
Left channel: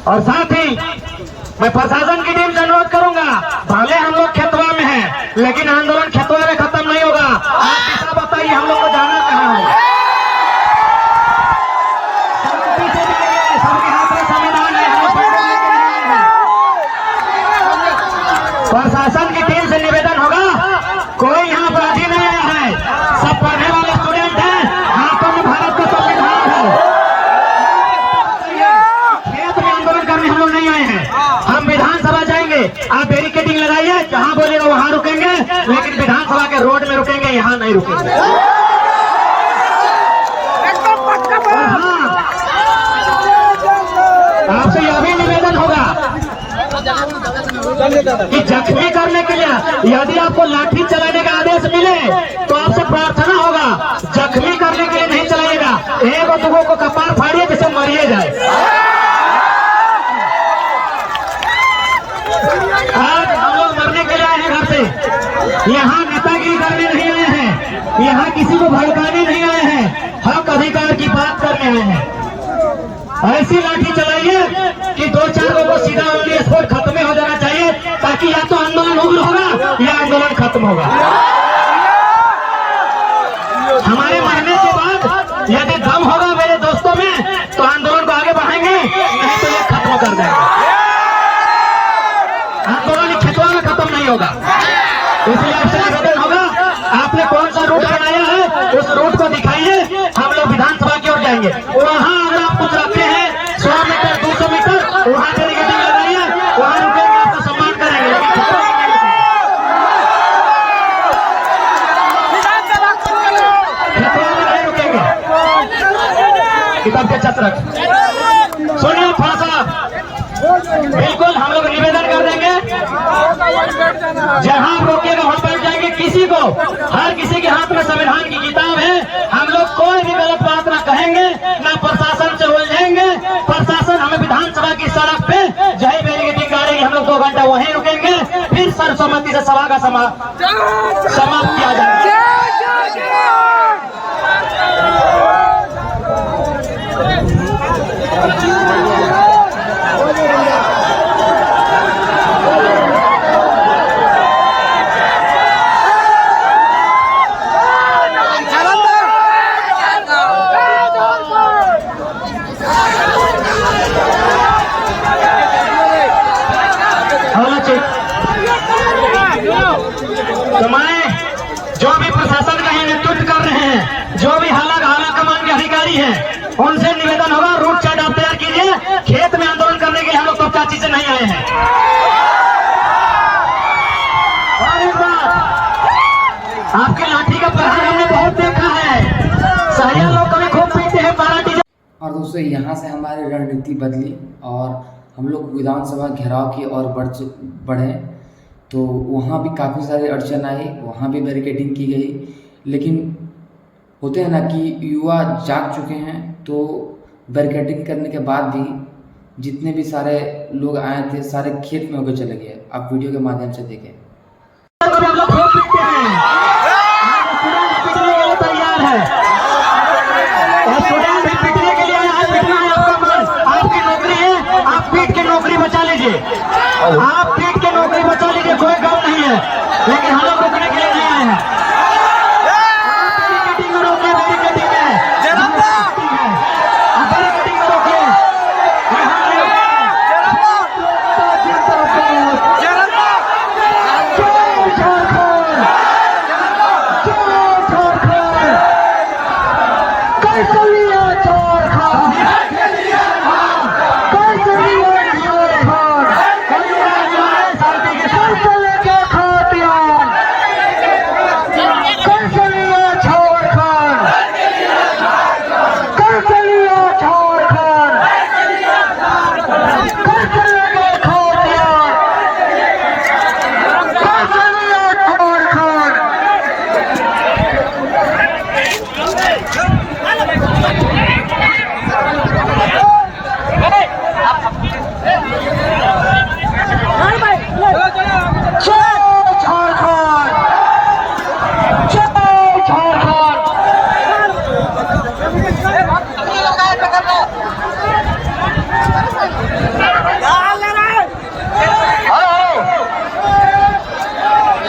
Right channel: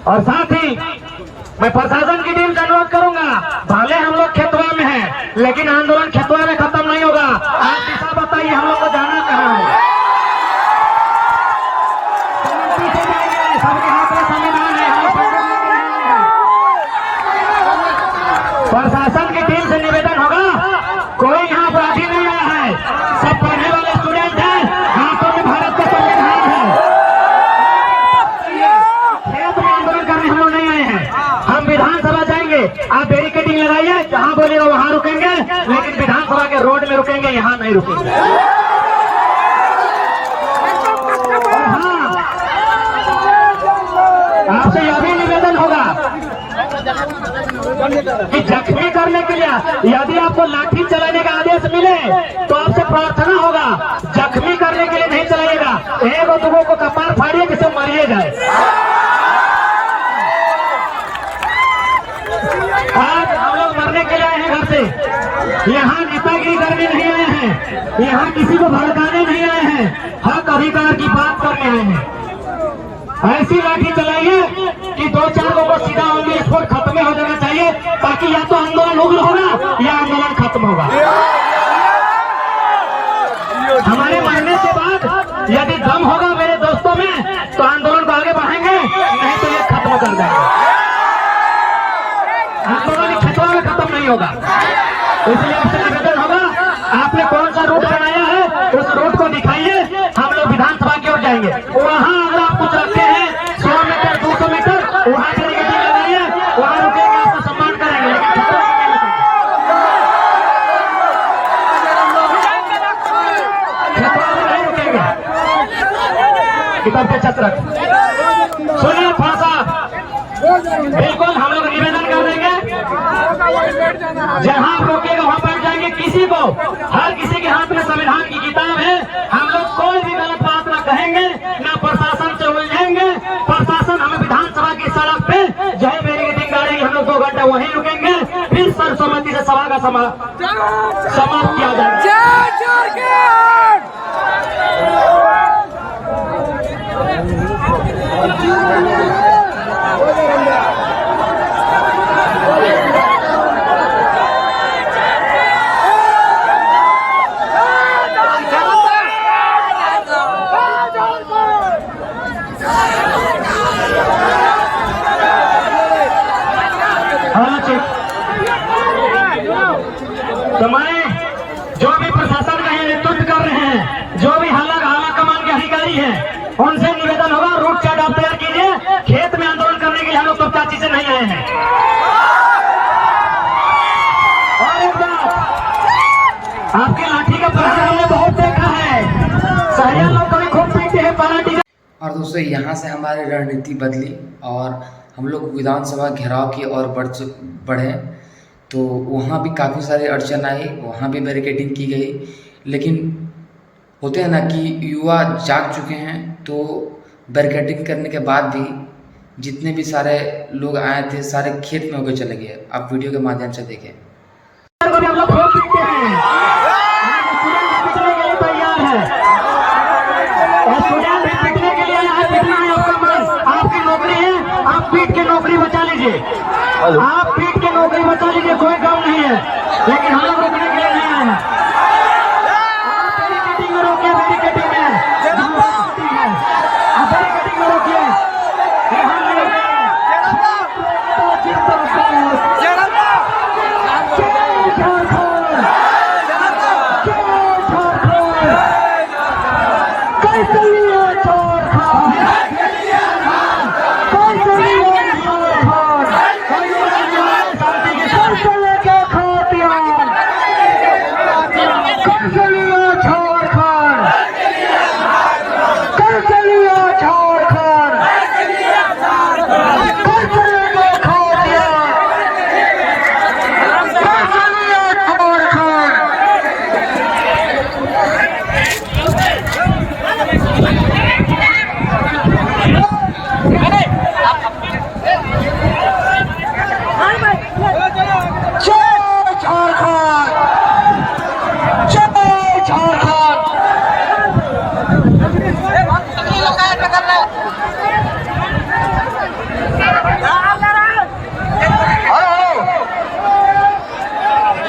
और साथ ही मैं प्रशासन की टीम से अनुरोध करूंगा, भले हम लोग खेतवा में हैं, लेकिन आंदोलन खेतवा में खत्म नहीं होगा। आप दिशा बताइए हम लोग को जाना कहाँ है। शांति से जाइए, सबके हाथ में संविधान है, हम लोग पैदल लेके नहीं आए हैं। प्रशासन की टीम से निवेदन होगा, कोई यहाँ अपराधी नहीं आया है, सब पढ़ने वाले स्टूडेंट हैं, हाथों में भारत का संविधान है। खेत में आंदोलन करने हम लोग नहीं आए हैं, हम विधानसभा जाएंगे। आप बैरिकेडिंग लगाइए, जहां बोलेगा वहां रुकेंगे, लेकिन विधानसभा के रोड में रुकेंगे, यहां नहीं रुकेंगे। आपसे यह भी निवेदन होगा कि जख्मी करने के लिए यदि आपको लाठी चलाने का आदेश मिले तो आपसे प्रार्थना होगा, जख्मी करने के लिए नहीं चलाइएगा, एक दुगो को कपार फाड़िए जिसे मरिए जाए। आज हम लोग मरने के लिए आए हैं घर से, यहाँ नेतागिरी करने नहीं आए हैं, यहाँ किसी को भड़काने नहीं आए हैं, हक अधिकार की बात करने आए हैं। ऐसी लाठी चलाइए कि 2-4 लोगों को सीधा ऑन द स्पॉट खत्म हो जाना चाहिए, ताकि या तो आंदोलन उग्र होगा या आंदोलन खत्म होगा। हमारे मरने के बाद यदि दम होगा मेरे दोस्तों में तो आंदोलन को आगे बढ़ाएंगे, नहीं तो ये खत्म कर देंगे। आंदोलन खेतों में खत्म नहीं होगा। इसलिए आपसे निवेदन होगा, आपने कौन सा रूट बनाया है उस रूट को दिखाइए, हम लोग विधानसभा की ओर जाएंगे। वहां अगर आप कुछ आते हैं 100 मीटर 200 मीटर वहां बैरिकेडिंग लगाइए, वहां रुकेंगे, आपको सम्मान करेंगे, लेकिन खेतों में नहीं रुकेंगे। खेतों में नहीं रुकेंगे। किताब के छत्र सुनिए भाषा, बिल्कुल हम लोग निवेदन कर देंगे, जहां आप रोकेगा वहां बैठ जाएंगे। किसी को, हर किसी के हाथ में संविधान की किताब है, हम लोग कोई भी गलत बात ना कहेंगे, ना प्रशासन से उलझेंगे। प्रशासन हमें विधानसभा की सड़क पे जय बैरिकेडिंग करेंगे, हम लोग 2 घंटा वहीं रुकेंगे, फिर सर्वसम्मति से सभा का समाप्त किया जाएगा। तो मैं जो भी प्रशासन का नेतृत्व कर रहे हैं, जो भी हाला कमान के अधिकारी हैं, उनसे निवेदन होगा, रूट चार्ट आप तैयार कीजिए। खेत में आंदोलन करने के लिए हम लोग कब चाची से नहीं आए हैं। और एक बात, आपके लाठी का प्रहार हमने बहुत देखा है, शहरी लोग कभी खूब पीते हैं पार्टी। और दोस्तों यहाँ से हमारी रणनीति बदली और हम लोग विधानसभा घेराव की ओर बढ़े, तो वहाँ भी काफ़ी सारी अड़चन आई, वहाँ भी बैरिकेडिंग की गई। लेकिन होते हैं ना कि युवा जाग चुके हैं, तो बैरिकेडिंग करने के बाद भी जितने भी सारे लोग आए थे सारे खेत में होकर चले गए। आप वीडियो के माध्यम से देखें। आपकी नौकरी है, आप पीट के नौकरी बचा लीजिए, आप पीट के नौकरी बचा लीजिए, कोई गम नहीं है, लेकिन हम लोग रुकने के लिए नहीं आए हैं। आप बैरिकेडिंग में रोकिए, बैरिकेडिंग में रोकिए।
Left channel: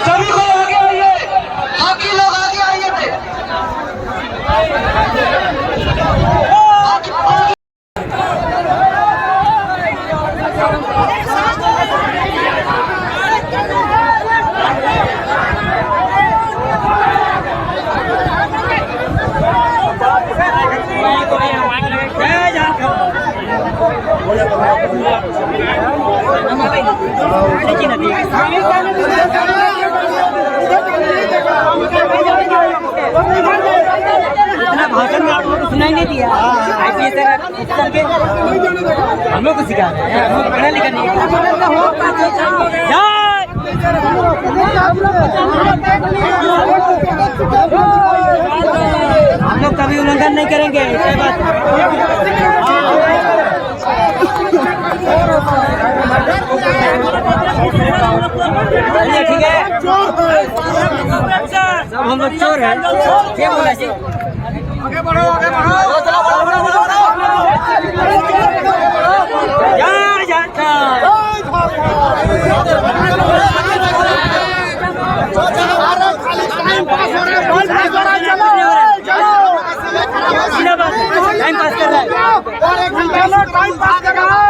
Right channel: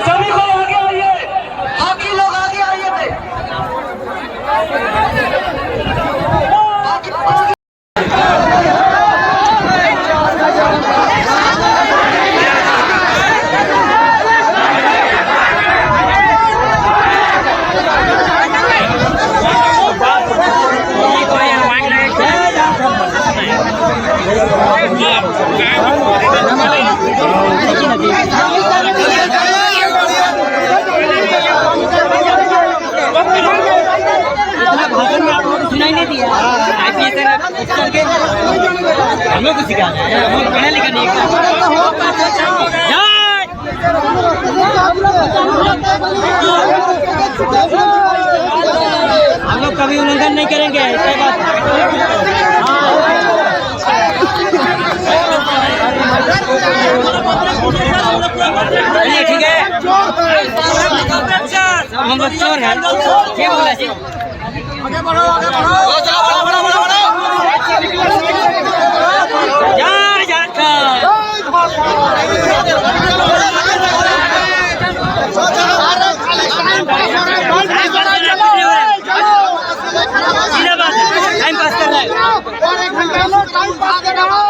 सभी को आगे आइए, बाकी लोग आगे आइए थे। इतना भाषण में आप लोगों को सुनाई नहीं दिया। IPS करके हम लोग को सिखा रहे हैं, हम लोग पढ़ा लिखा नहीं हम लोग कभी उल्लंघन नहीं करेंगे। ठीक है, सब हम लोग चोर हैं। क्या बोला जी? टाइम पास कर रहा है।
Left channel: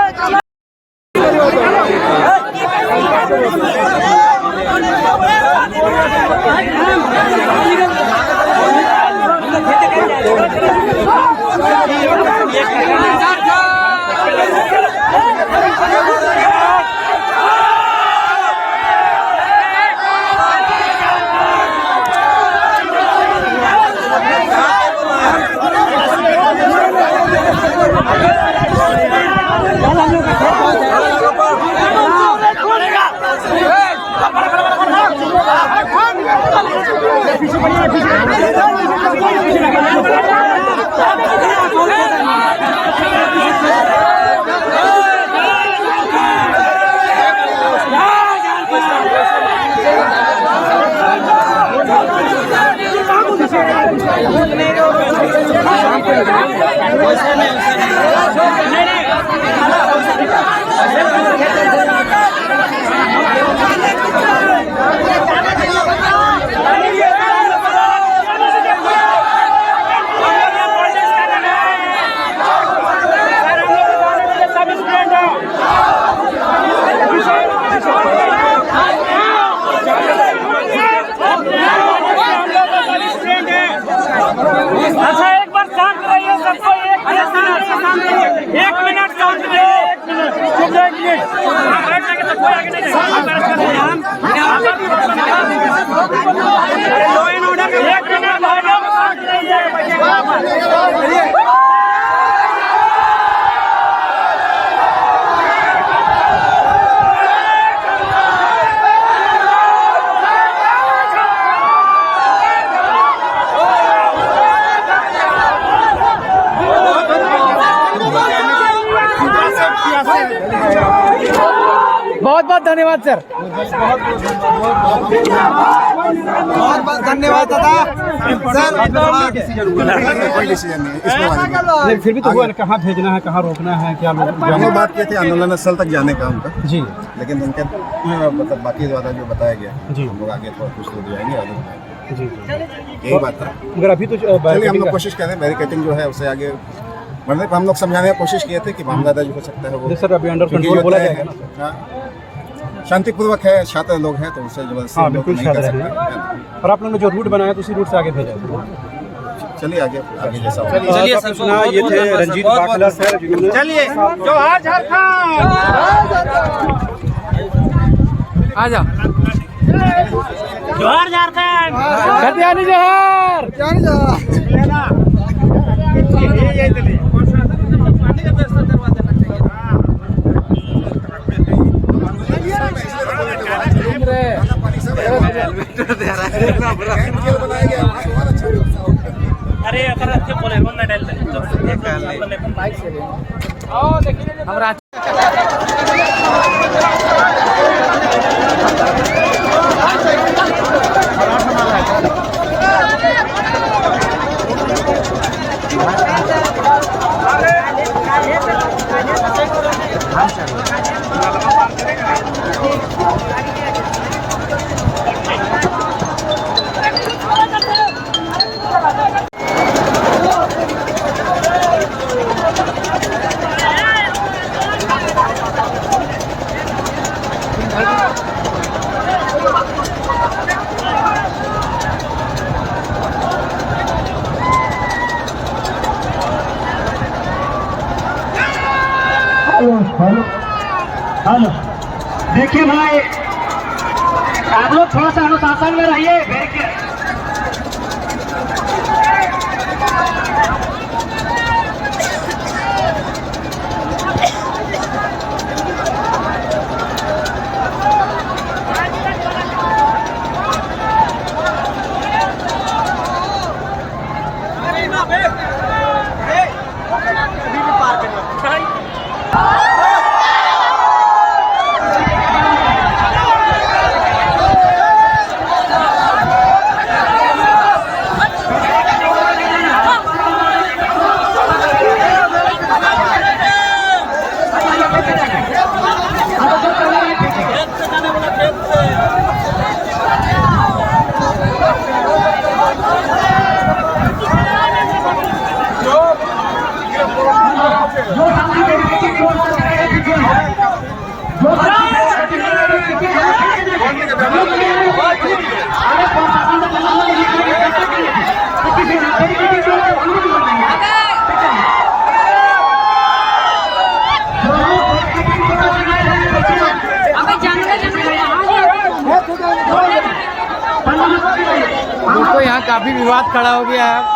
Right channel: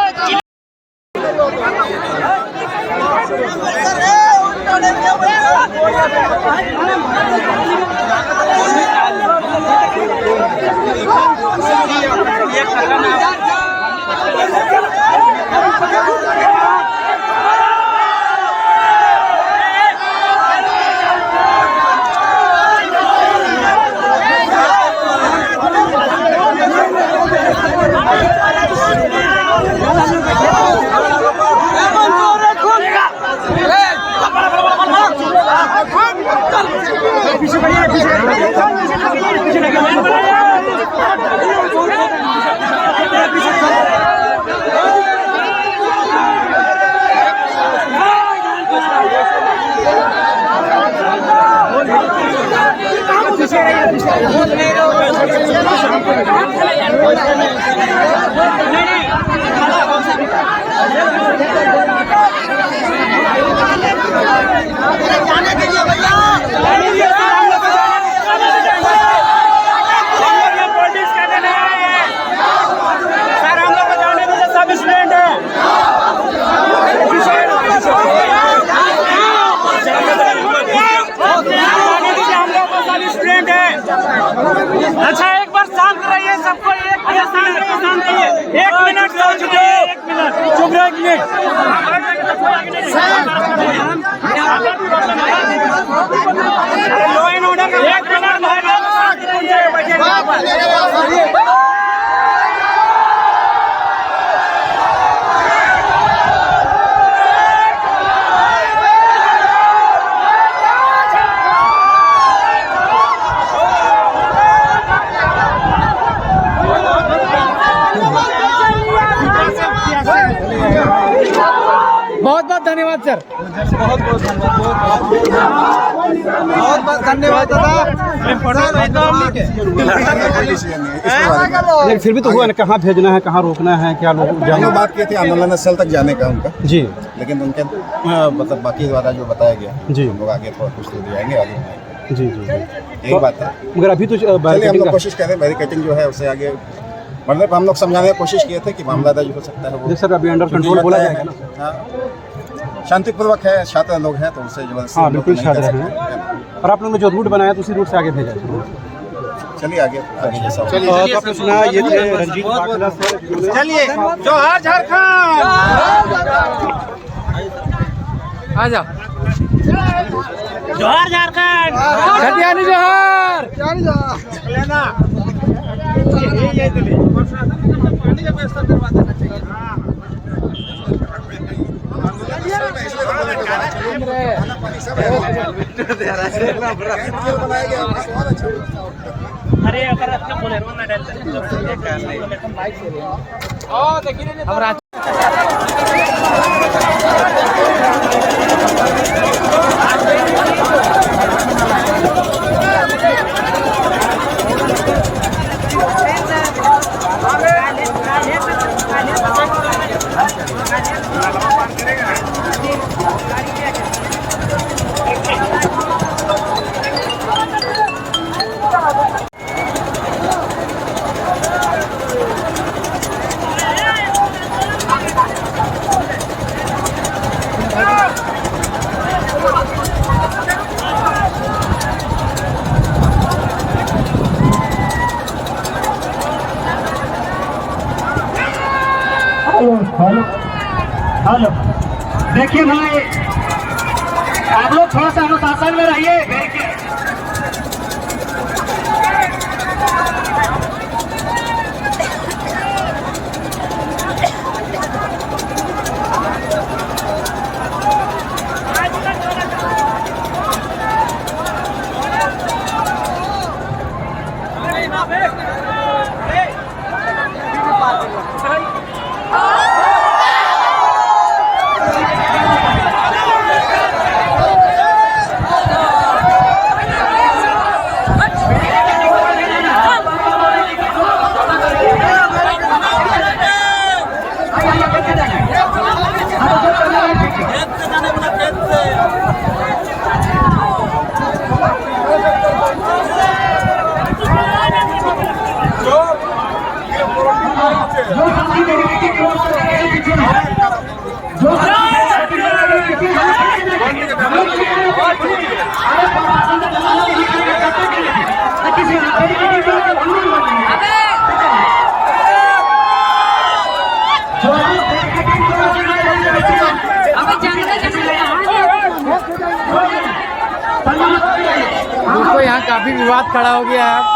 अच्छा एक बार शांत रहिए सबको। एक मिनट शांत रहिए। 1 मिनट शांत रहिए। 1 मिनट चुप रहिए। कोई आगे नहीं अरे लो एंड ऑर्डर का 1 मिनट भाई लोग शांत रहिए। बहुत बहुत धन्यवाद सर। बहुत बहुत धन्यवाद दादा। फिर भी तो हुआ ना, कहाँ भेजना है, कहाँ रोकना है, क्या लोग हम लोग बात किए थे आंदोलन स्थल तक जाने का उनका जी, लेकिन उनके मतलब बाकी वाला जो बताया गया जी, हम लोग आगे कुछ दूर जाएंगे आगे जी जी यही बात था। मगर अभी तो चलिए हम लोग कोशिश कर रहे हैं बैरिकेटिंग जो है उससे आगे बढ़ने पर। हम लोग समझाने की कोशिश किए थे कि मामला दर्ज हो सकता है वो सर अभी अंडर कंट्रोल बोला जाएगा ना। हाँ, शांतिपूर्वक है, छात्र लोग हैं तो उनसे जबरदस्ती हाँ हम लोग बिल्कुल नहीं कर छात्र सकते। हैं। और आप लोगों ने जो रूट बनाया तो उसी रूट से आगे भेजा। चलिए आगे आगे जैसा हो। तो आपने सुना ये थे रंजीत बाखला सर। चलिए जोहार झारखंड। आ जाओ। जोहार झारखंड। खतियानी जोहार। पानी का व्यवस्था करवा देना चाहिए। बनाया गया बहुत अच्छा अरे अगर अच्छे बोले ना डालते अपन बाइक से ले हम रात हेलो देखिए भाई, आप लोग थोड़ा सा अनुशासन में रहिए। दोस्तों यहाँ काफी विवाद खड़ा हो गया है।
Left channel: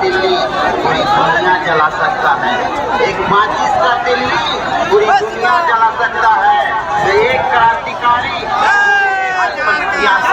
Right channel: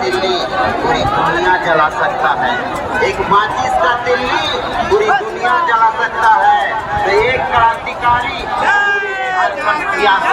दिल्ली पूरी दुनिया जला सकता है, एक माचिस का दिल्ली पूरी दुनिया जला सकता है, तो एक क्रांतिकारी टाइगर जयराम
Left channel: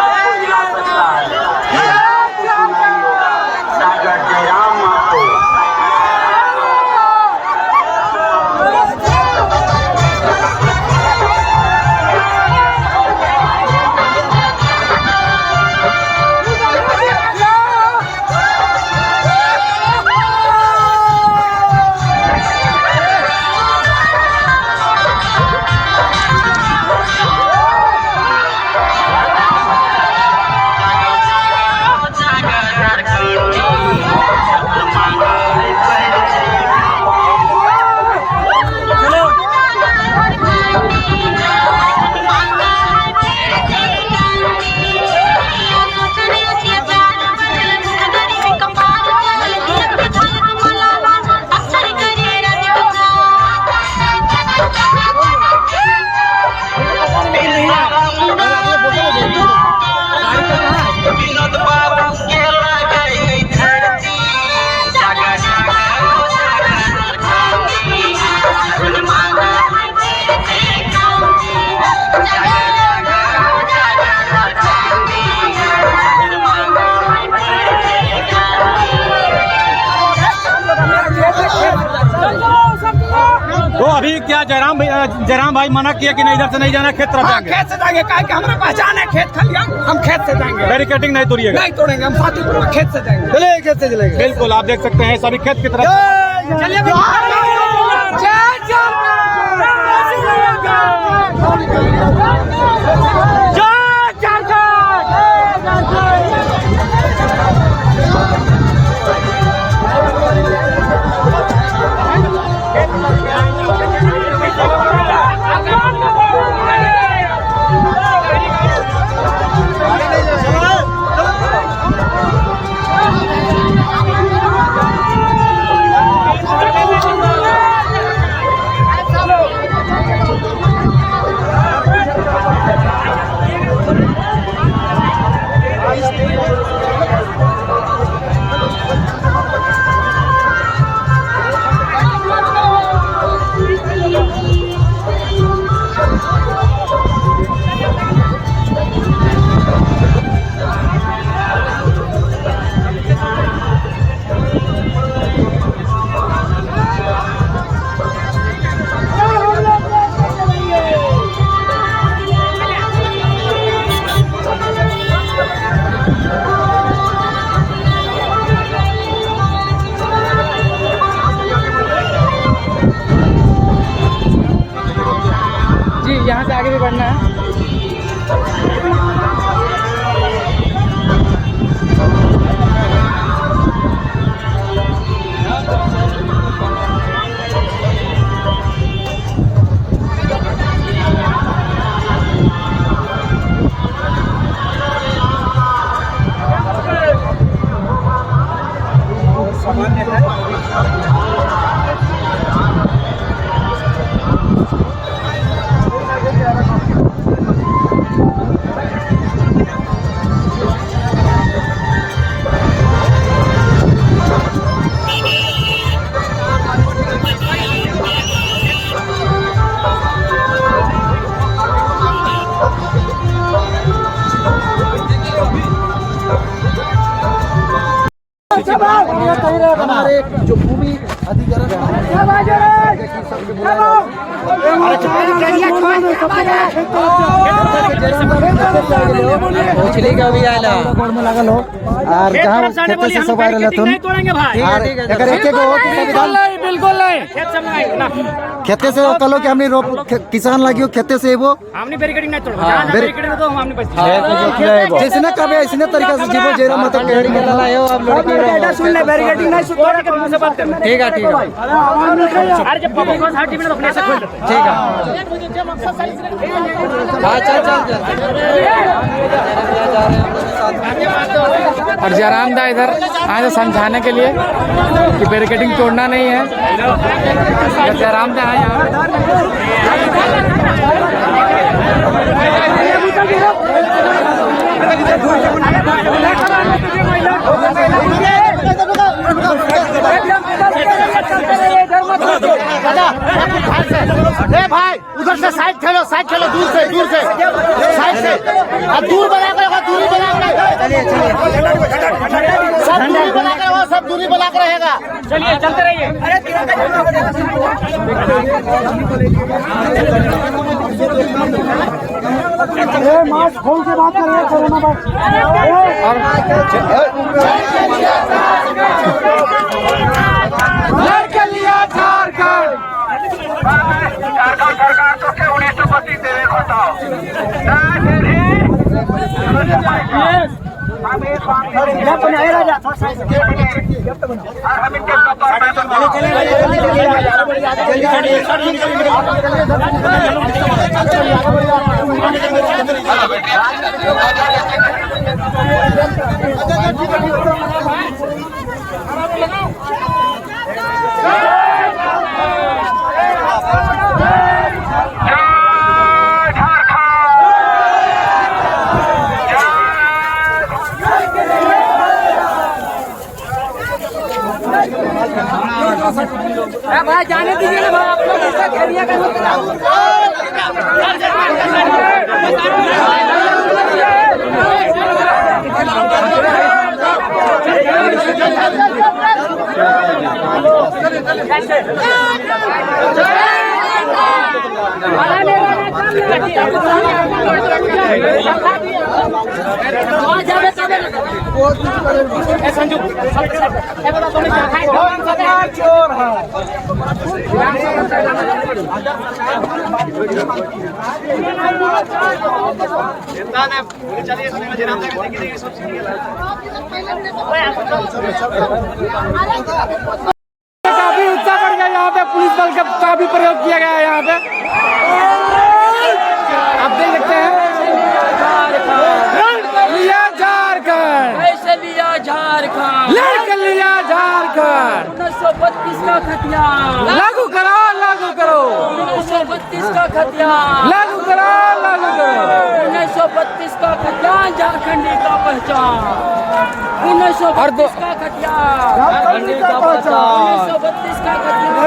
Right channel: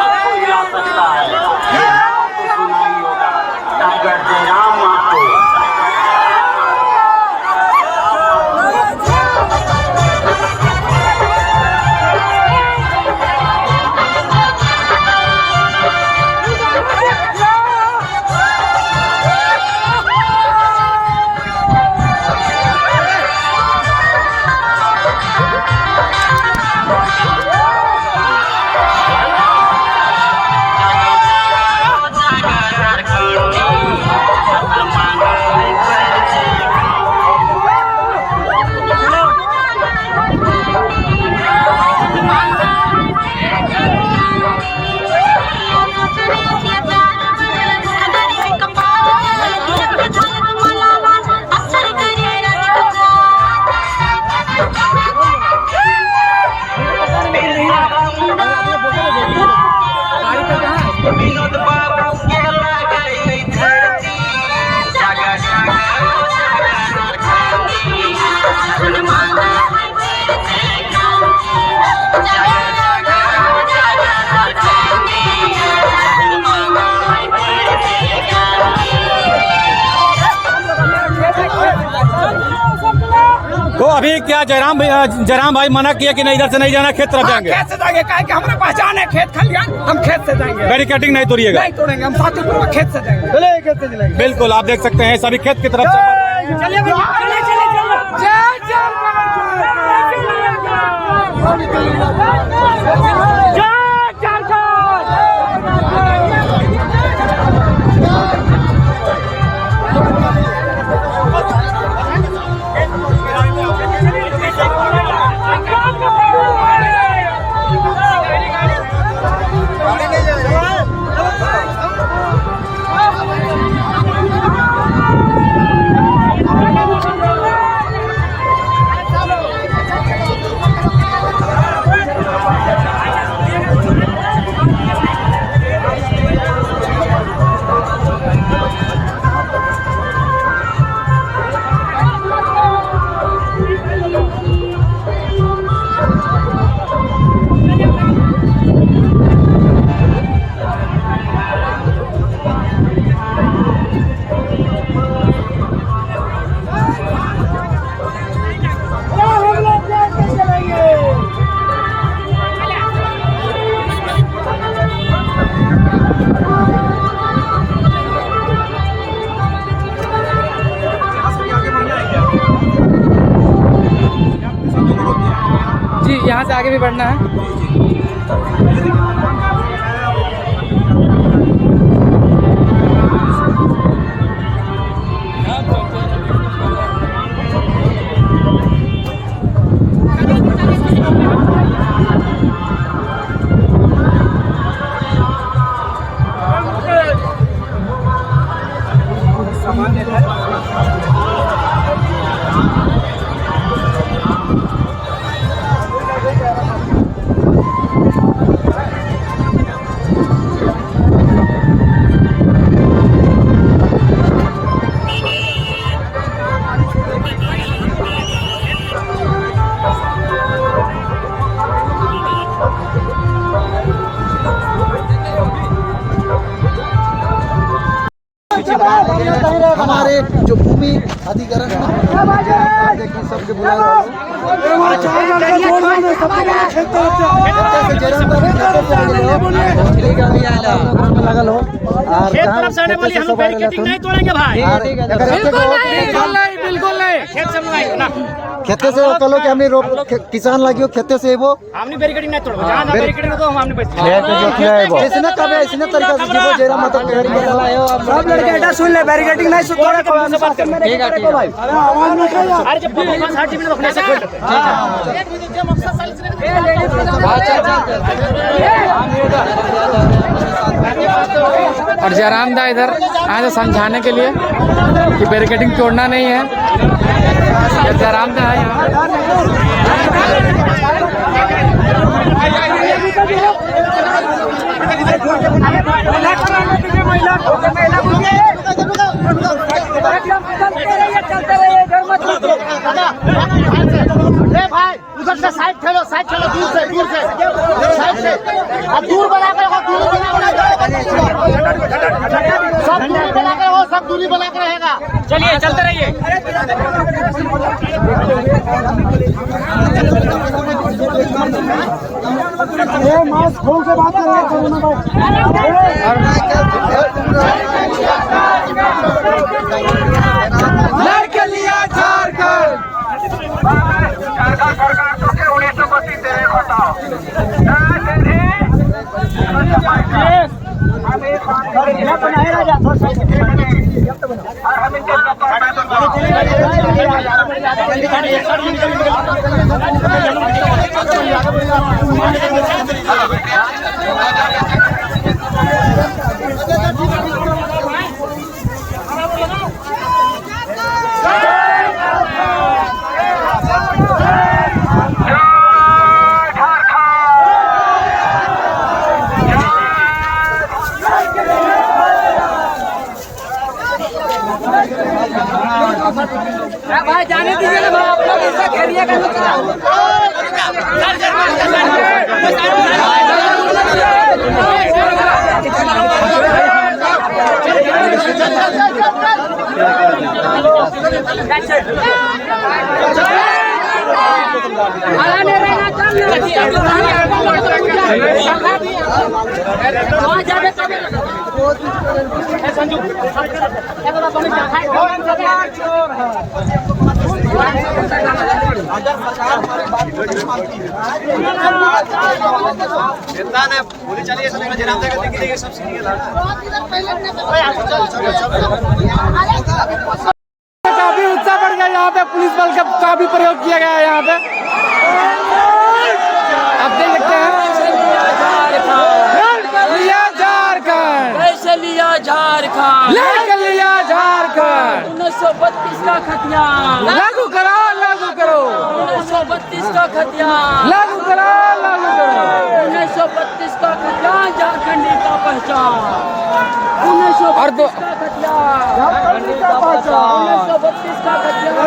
आपको गाड़ी का कहाँ है? क्या जयराम भाई मना किया कि नहीं इधर से नहीं जाना, खेत तरफ जाएंगे? खेत से जाएंगे, क्या हमारा पहचान है खेत खलियान, हम खेत से जाएंगे। बैरिकेडिंग नहीं तोड़िएगा? नहीं तोड़ेंगे, हम शांतिपूर्वक खेत से जाएंगे। चलिए खेत से चलेंगे। बिल्कुल, आप देख सकते हैं सभी खेत की तरफ। चलिए जी, यहाँ से आगे भी बढ़ना है। सामान्य है। हमारे जो भूमि अधिग्रहण सबके बुलाए नहीं तोड़ेंगे भाई, बिल्कुल नहीं। खेत से खेते से कलो कि हमें रोक किसान लगी खेते से वो हमने बैरिकेडिंग नहीं तोड़ो, जहाँ बैरिकेडिंग तो हम हमने बच जिसने कभी इसने तरीका से जीवो जेरा मत सुन ले, बैरिकेडिंग नहीं तोड़ के मुंह से बात करना। ठीक है ठीक है। अरे जब पब्लिक को हर टीवी में रोकने से खोल देते हैं। और जयराम दा इधर आए थे समझाने के लिए कि बैरिकेडिंग तोड़ना नहीं है। जयराम दा है यहाँ। भाई उधर से साइड खेलो दूर से साइड से अब दूर बना कर दूरी बना कर वो सब दूरी बना कर रहेगा। चलिए चलते रहिए। मास्क खोल के बात कर रहे हैं कोरोना लड़के लिया झारखंड सरकार तो क्या 1925 दे भाई जाने दीजिए ना भाई, आप लोग इसका खेलिए चोर है काफी उत्साह बढ़ गया यहाँ पे, पुलिस बल का काफी प्रयोग किया गया है यहाँ पे, आप देख सकते हैं। लिया झारखंड, कैसे लिया झारखंड, लड़कर लिया झारखंड, 1932 का खतिया लागू करो, लागू करो, 1932 का खतिया लागू करो, लागू करो, 1932 का खतिया झारखंड का पहचान, 1932 का खतिया, 1932 का खतिया।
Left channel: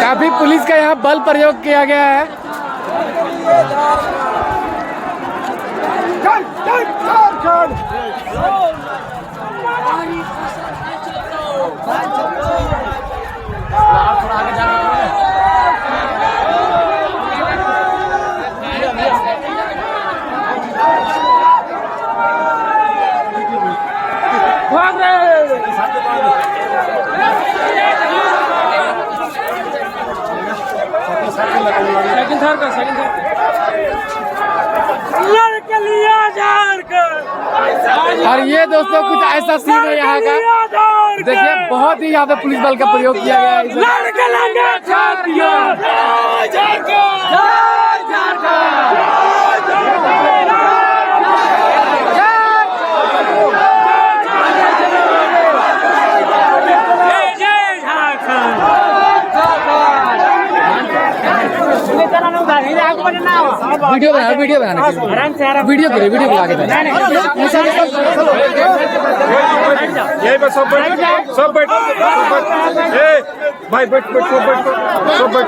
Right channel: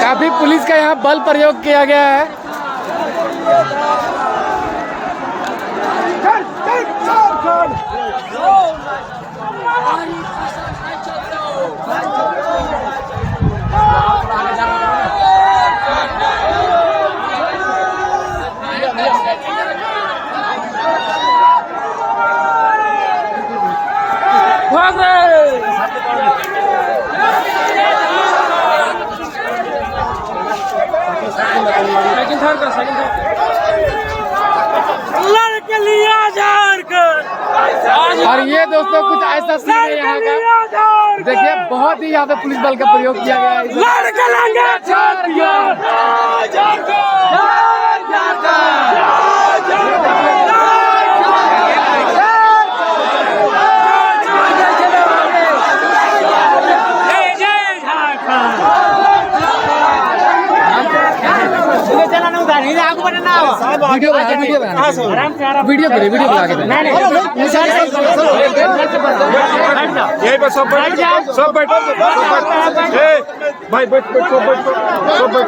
काफी पुलिस का यहाँ बल प्रयोग किया गया है। और ये दोस्तों कुछ ऐसा सीन है यहाँ का, देखिए बहुत ही यहाँ पे पुलिस बल का प्रयोग किया गया वीडियो बना के सब बैठ भाई बैठ सब बैठ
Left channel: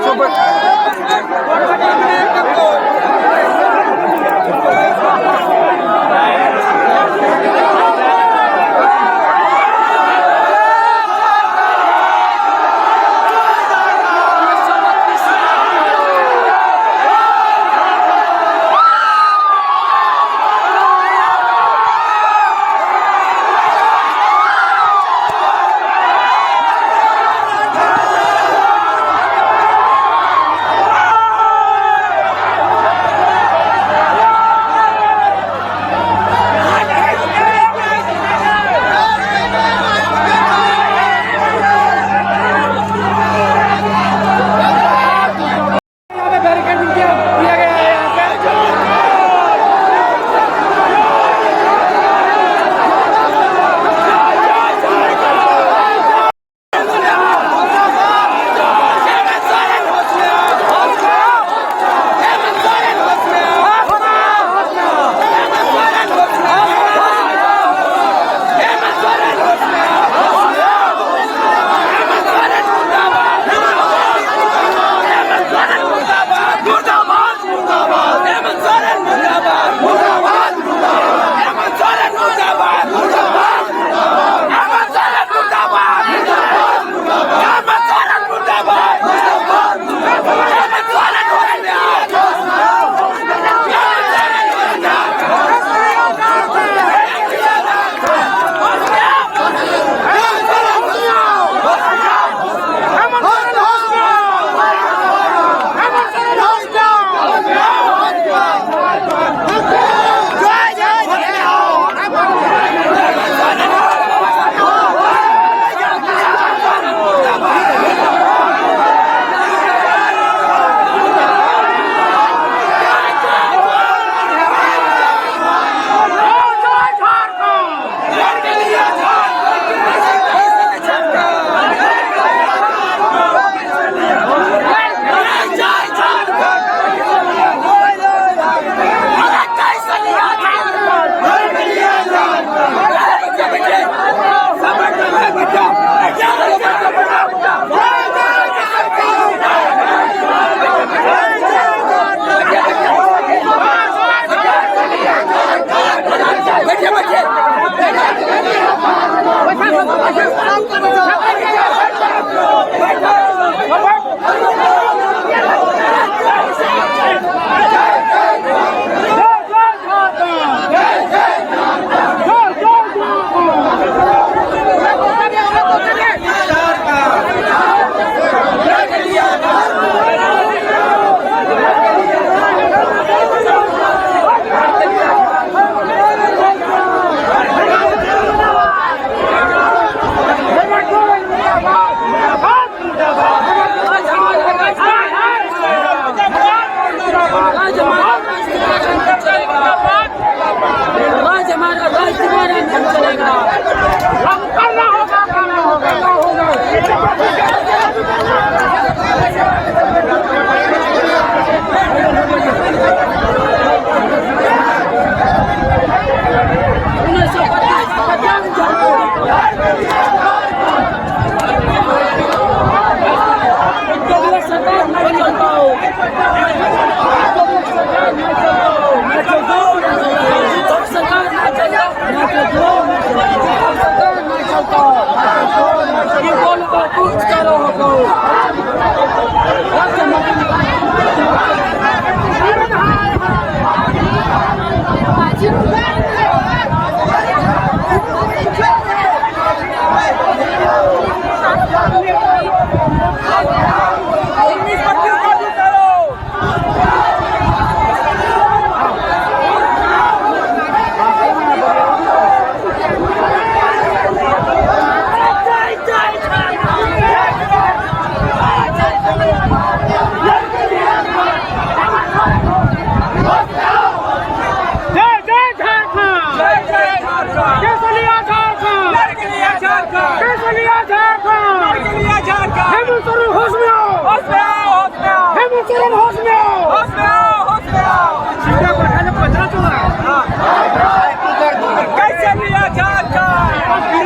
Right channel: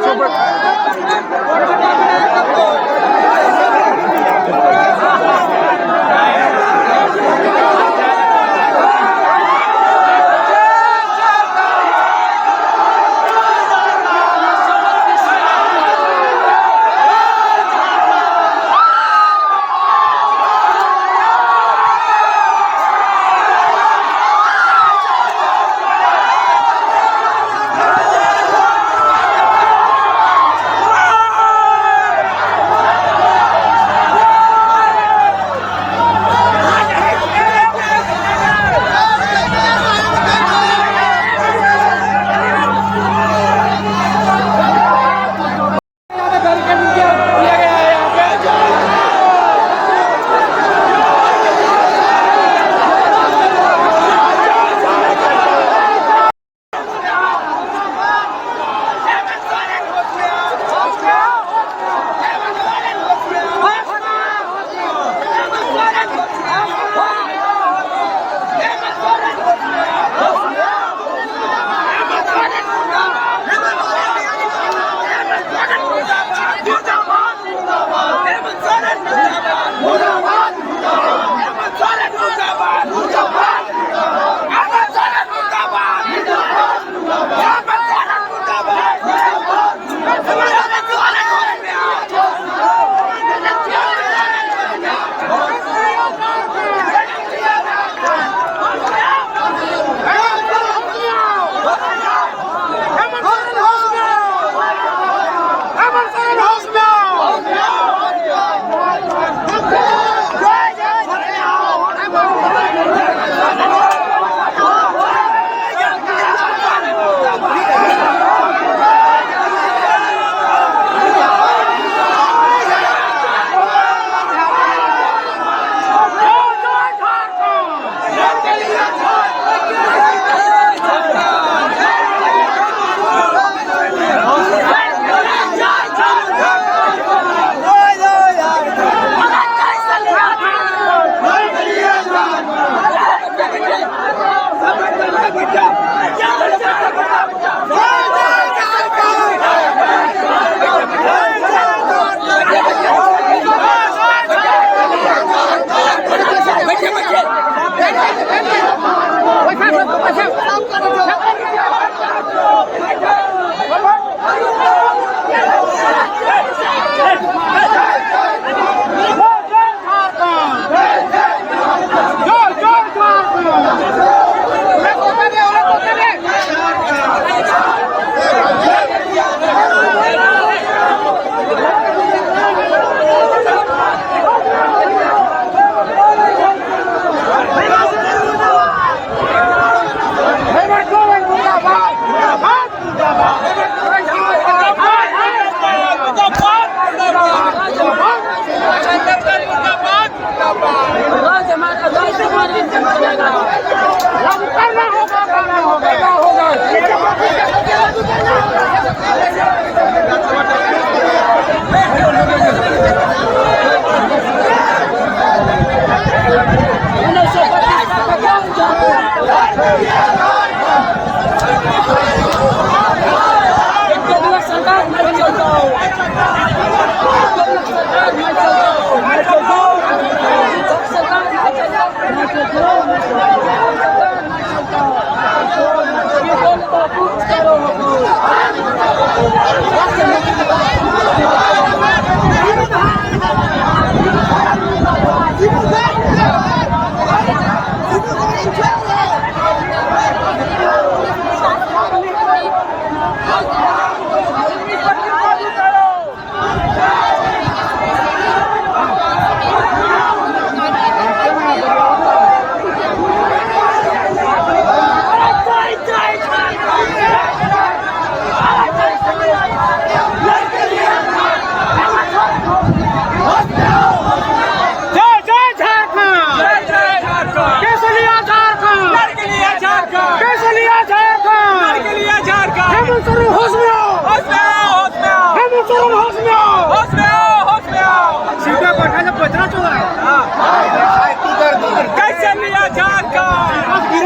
कैसे लिया झारखंड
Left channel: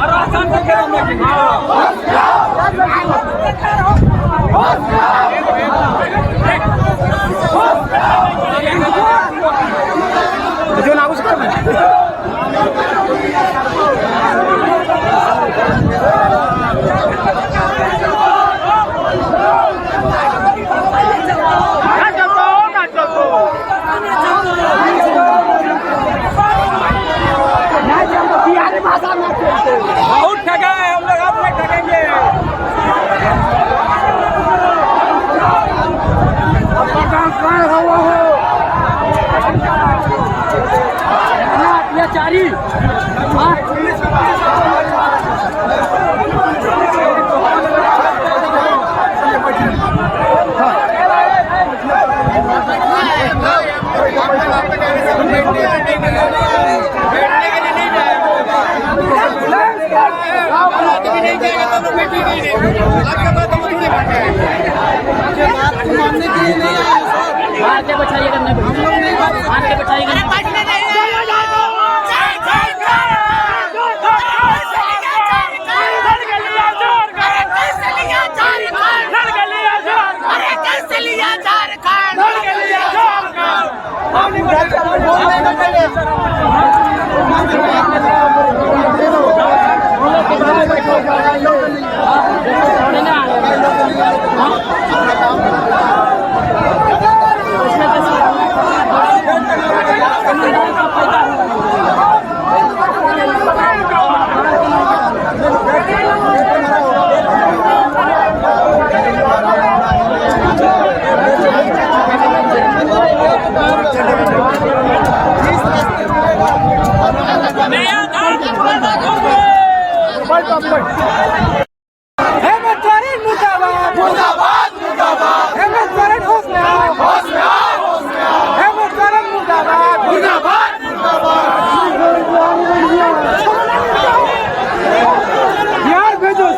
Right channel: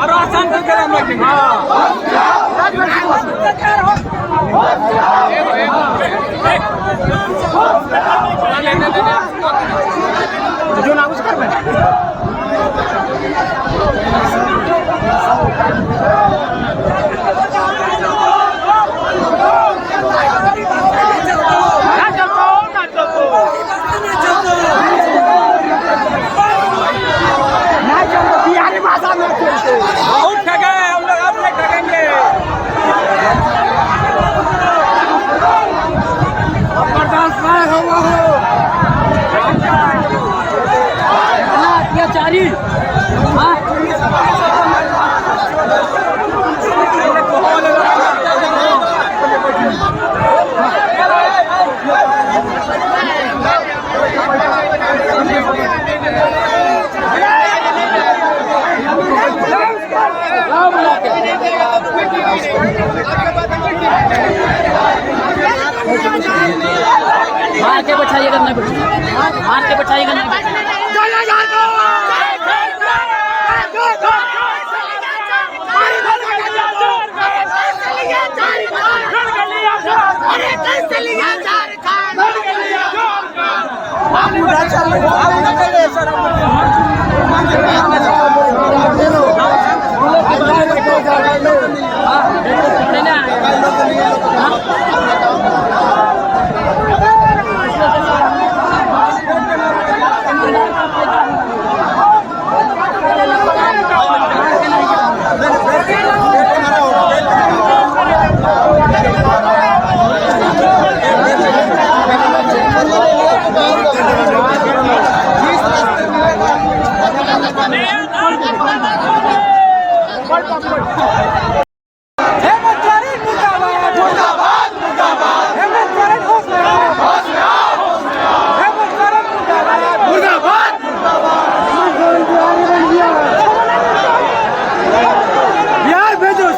और आसान को गरम रखेंगे जो नागुस कर रहे हैं बिहारी भाषा में बहुत ठगे हम लोग अब नहीं ठगेंगे अत्याचारी आके बैठाइएगा नहीं आके बैठाइएगा नहीं हेमंत सोरेन मुर्दाबाद मुर्दाबाद मुर्दाबाद हेमंत सोरेन होश में आओ हेमंत सोरेन मुर्दाबाद मुर्दाबाद बिहार भेजो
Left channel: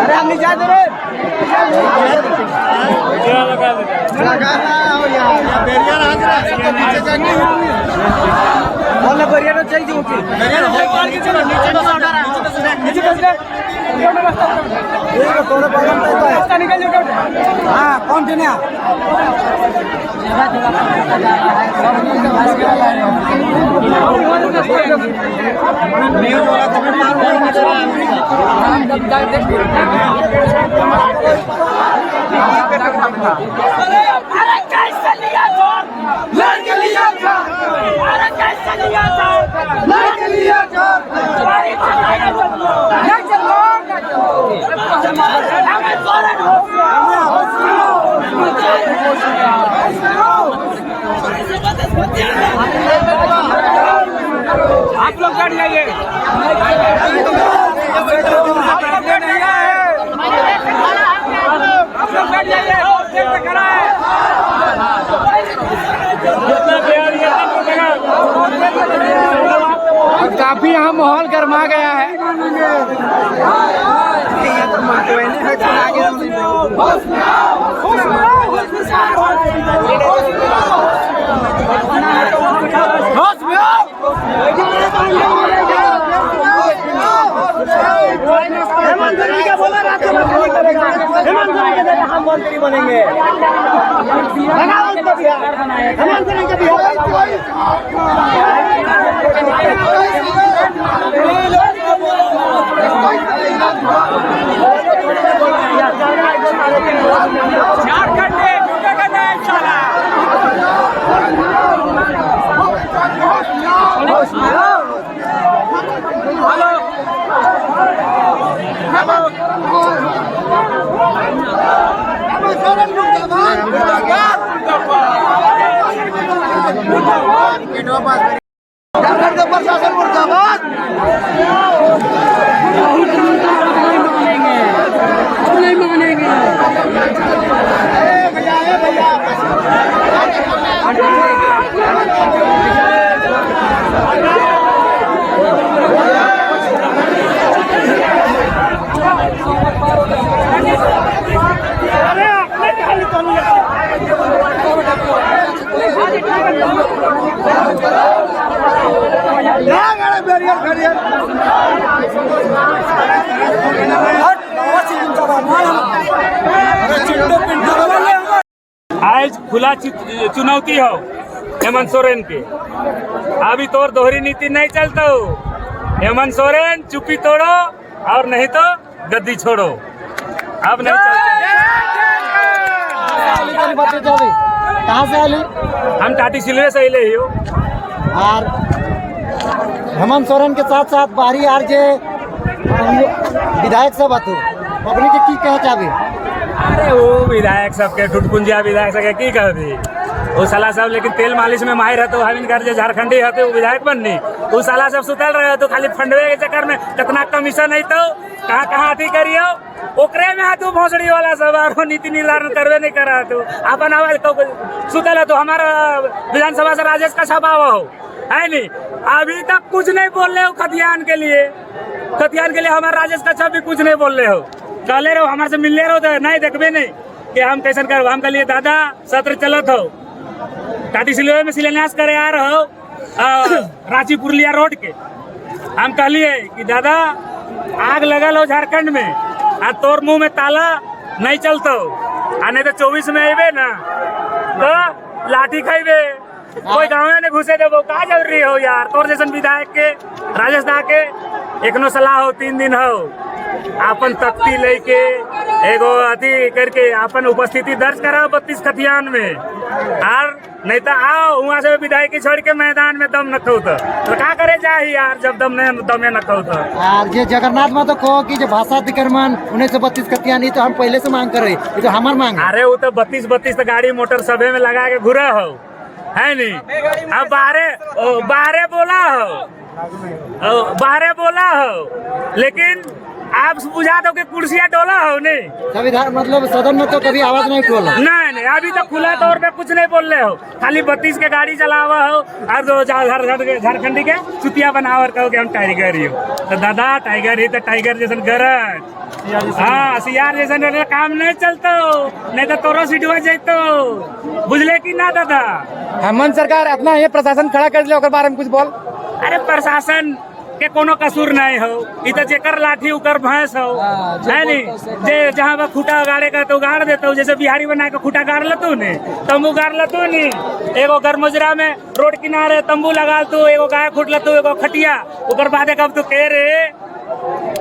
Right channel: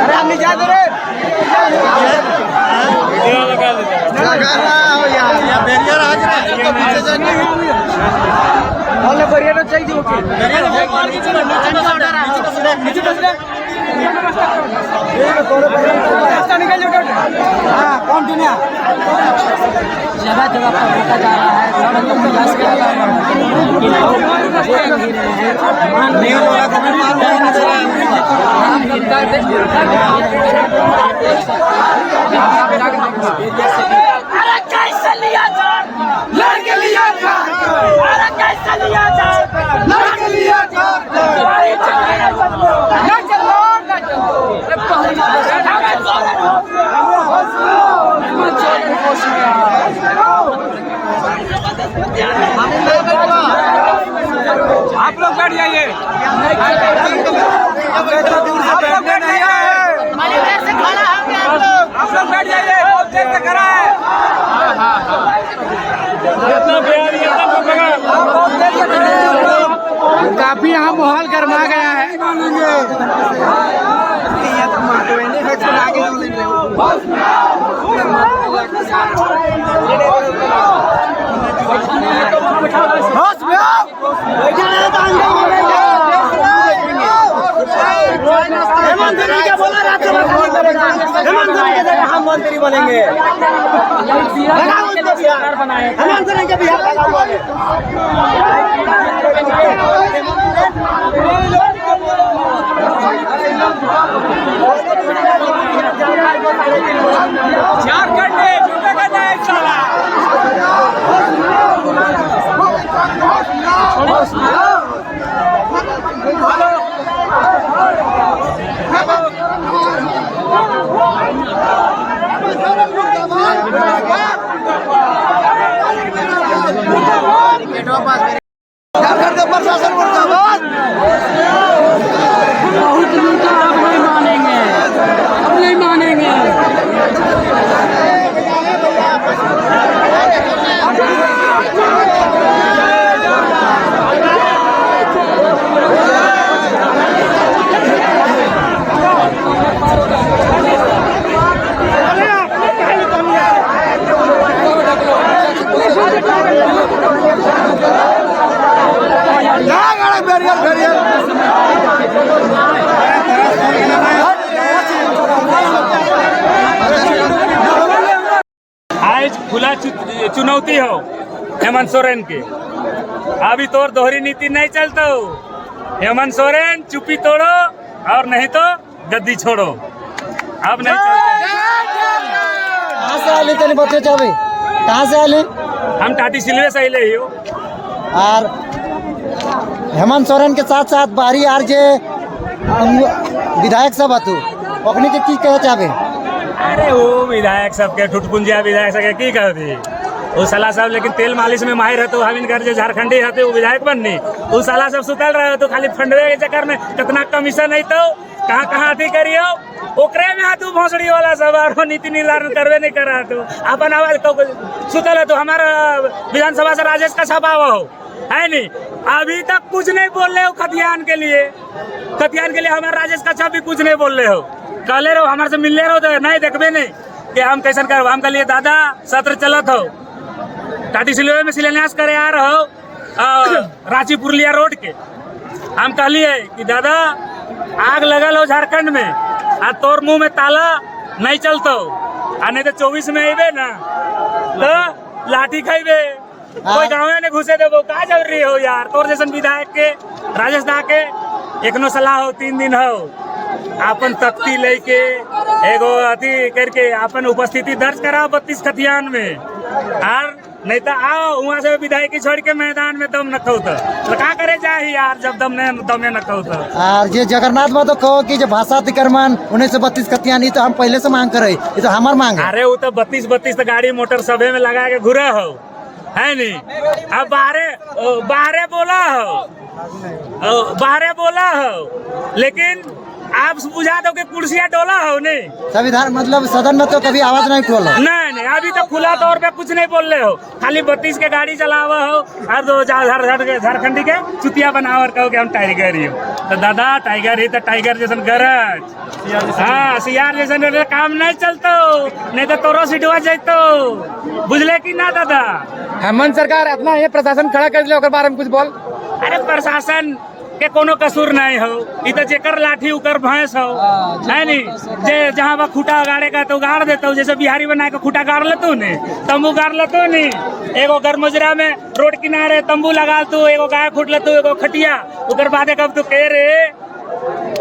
अरे हम नहीं जाते रे बोलने बैरियर चाहिए ओके नीचे रास्ता निकल जाओ कौन दुनिया कैसे लिया था लड़के लिया था कैसे लिया था लड़के लिया था आप लोग गाड़ी आइए दूर से बैठने नहीं आए आप लोग गाड़ी आइए काफी यहाँ माहौल गर्मा गया है होश में आओ हेमंत सोरेन क्या बोला हेमंत सोरेन के जगह हम मंत्री बनेंगे हेमंत सोरेन के बिहार झारखंड में जुटेगा नहीं साला झारखंड का प्रशासन मुर्दाबाद नहीं मानेंगे खुला चुनौती हो हेमंत सोरेन के। अभी तोर दोहरी नीति नहीं चलता हो। हेमंत सोरेन चुप्पी तोड़ो और नहीं तो गद्दी छोड़ो। अब नहीं चलते। बच्चे जावे कहाँ से आए? हम टाटी सिलवे से अले ही हो। और हेमंत सोरेन के साथ साथ बाहरी आर जे विधायक सब हतु अपने के की कहे चाहे? अरे वो विधायक सबके ठुटपुंजिया विधायक सबके की कहती वो साला सब, लेकिन तेल मालिश में माहिर है तो हमिन कर जो झारखंडी है वो विधायक बननी। वो साला सब सुतल रहे तो खाली फंडवे के चक्कर में कितना कमीशन है तो कहाँ कहाँ अथी करियो ओकरे में हाथ भोसड़ी वाला सब और नीति निर्धारण करवे नहीं कर रहा तू अपन आवाज सुतल है तो हमारा विधानसभा से राजेश का छापा हो है नहीं। अभी तक कुछ नहीं बोल रहे हो खतियान के लिए हमारा राजेश का छाप भी कुछ नहीं बोल रहे हो। कहले रहो हमारे से मिलने रहो तो नहीं देखबे नहीं कि हम कैसे कर। हम कहलिए दादा सत्र चलत हो टाटी सिलवे में शिलान्यास करे आ रहो रांची पुरलिया रोड के। हम कहलिए कि दादा आग लगल हो झारखंड में आ तोर मुंह में ताला नहीं चलतो आ नहीं तो 24 में अबे ना तो लाठी खाइबे कोई गाँव ने घुसे देबो का जरूरी हो यार। तोर जैसन विधायक के राजेश दा के एकनो सलाह हो 3 दिन हो अपन तख्ती लेके एगो अथी करके अपन उपस्थिति दर्ज कराओ 32 खतियान में और नहीं तो आओ वहाँ से विधायकी छोड़ के मैदान में दम न खो तो का करे जाए यार जब दमे न खो तो। और ये जगन्नाथ बाबू कहो कि जो भाषा अतिक्रमण 1932 खतियान ये तो हम पहले से मांग करे ये तो हमार मांग। अरे वो तो 32 तो गाड़ी मोटर सभे में लगा के घुरे हो है नहीं। अब बाहरे बोला हो लेकिन आप बुझा दो कि कुर्सियाँ डोला हो नहीं। संविधान मतलब सदन में तो कभी आवाज नहीं खोला। नहीं अभी तो खुला तौर पे कुछ नहीं बोल रहे हो खाली 32 के गाड़ी चलावा हो और दो झारखंडी के चुतिया बनावर कहो कि हम टाइगर ही हो तो दादा टाइगर ही तो टाइगर जैसन गरज हाँ सियार जैसन काम नहीं चलतो नहीं तो तोरो सीटवा जातो बुझले कि ना दादा। हेमंत सरकार अपना ये प्रशासन खड़ा कर दिया बारे में कुछ बोल। अरे प्रशासन के कोनो कसूर नहीं हो ई तो जेकर लाठी उकर भैंस हो है नी जे जहाँ बा खूटा गाड़े का तो गाड़ देता जैसे बिहारी बना के खूटा गाड़ लेतो ने तंबू गाड़ लेतो नी एगो गरमोजरा में रोड किनारे तंबू लगा तू एगो गाय खूट लेतो एगो खटिया उकर बाद कब तू कह रे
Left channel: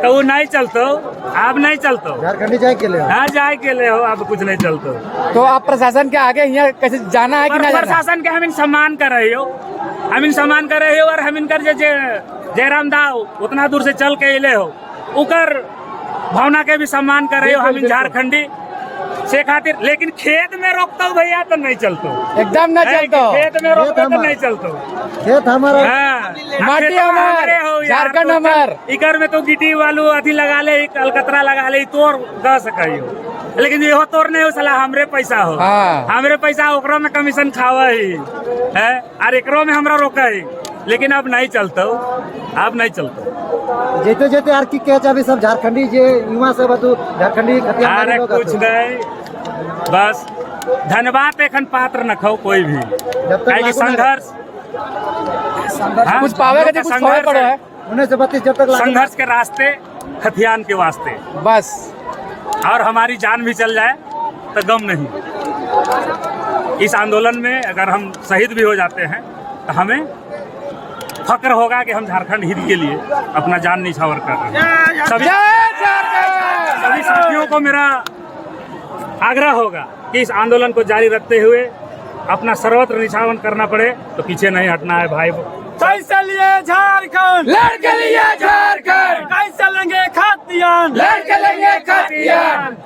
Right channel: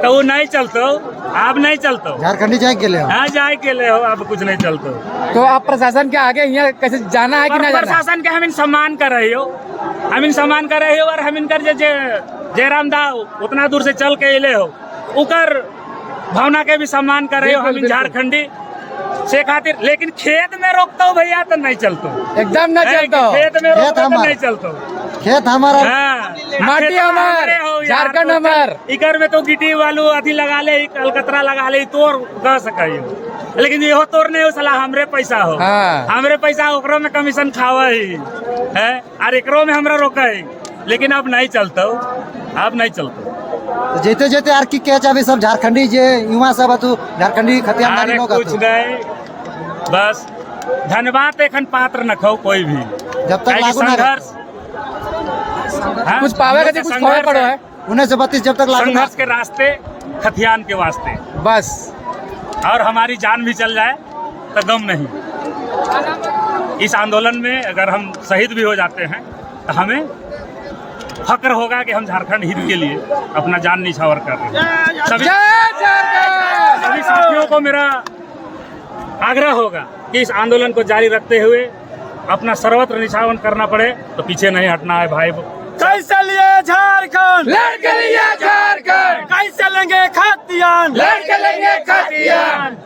तो वो नहीं चलतो अब नहीं चलतो झारखंडी जाए के लिए हाँ जाए के लिए हो अब कुछ नहीं चलतो। तो आप प्रशासन के आगे यहाँ कैसे जाना है कि ना प्रशासन के हम सम्मान कर रहे हो और हम कर जयराम दा उतना दूर से चल के अले हो उकर भावना के भी सम्मान कर रहे हो हम झारखंडी से खातिर। लेकिन खेत में रोकता हूँ भैया तो नहीं चलतो एकदम नहीं चलतो। खेत में रोकता तो नहीं चलतो। खेत हमारा माटी हमार झारखंड हमार इकर में तो गिट्टी वालू अथी लगा ले अलकतरा लगा ले तोर कह सकियो लेकिन ये तोर नहीं हो सला हमरे पैसा हो हमरे पैसा ओकरो में कमीशन खावा है और एकरो में हमरा रोका है लेकिन अब नहीं चलता अब नहीं चलता। जेते जेते आर की कह चाहे सब झारखंडी जे युवा सब तो झारखंडी अरे कुछ नहीं बस धन्यवाद एखन पात्र न खो कोई भी जब तक संघर्ष कुछ पावे का कुछ खोए पड़ो है 1932 जब तक संघर्ष के रास्ते खतियान के वास्ते बस और हमारी जान भी चल जाए तो गम नहीं। इस आंदोलन में अगर हम शहीद भी हो जाते हैं तो हमें फक्र होगा कि हम झारखंड हित के लिए अपना जान निछावर कर रहे हैं। सभी साथियों को मेरा आग्रह होगा कि इस आंदोलन को जारी रखते हुए अपना सर्वत्र निछावन करना पड़े तो पीछे नहीं हटना है भाई। कैसे लिए झारखंड लड़के लिए झारखंड कैसे लेंगे खतियान लड़के लेंगे खतियान।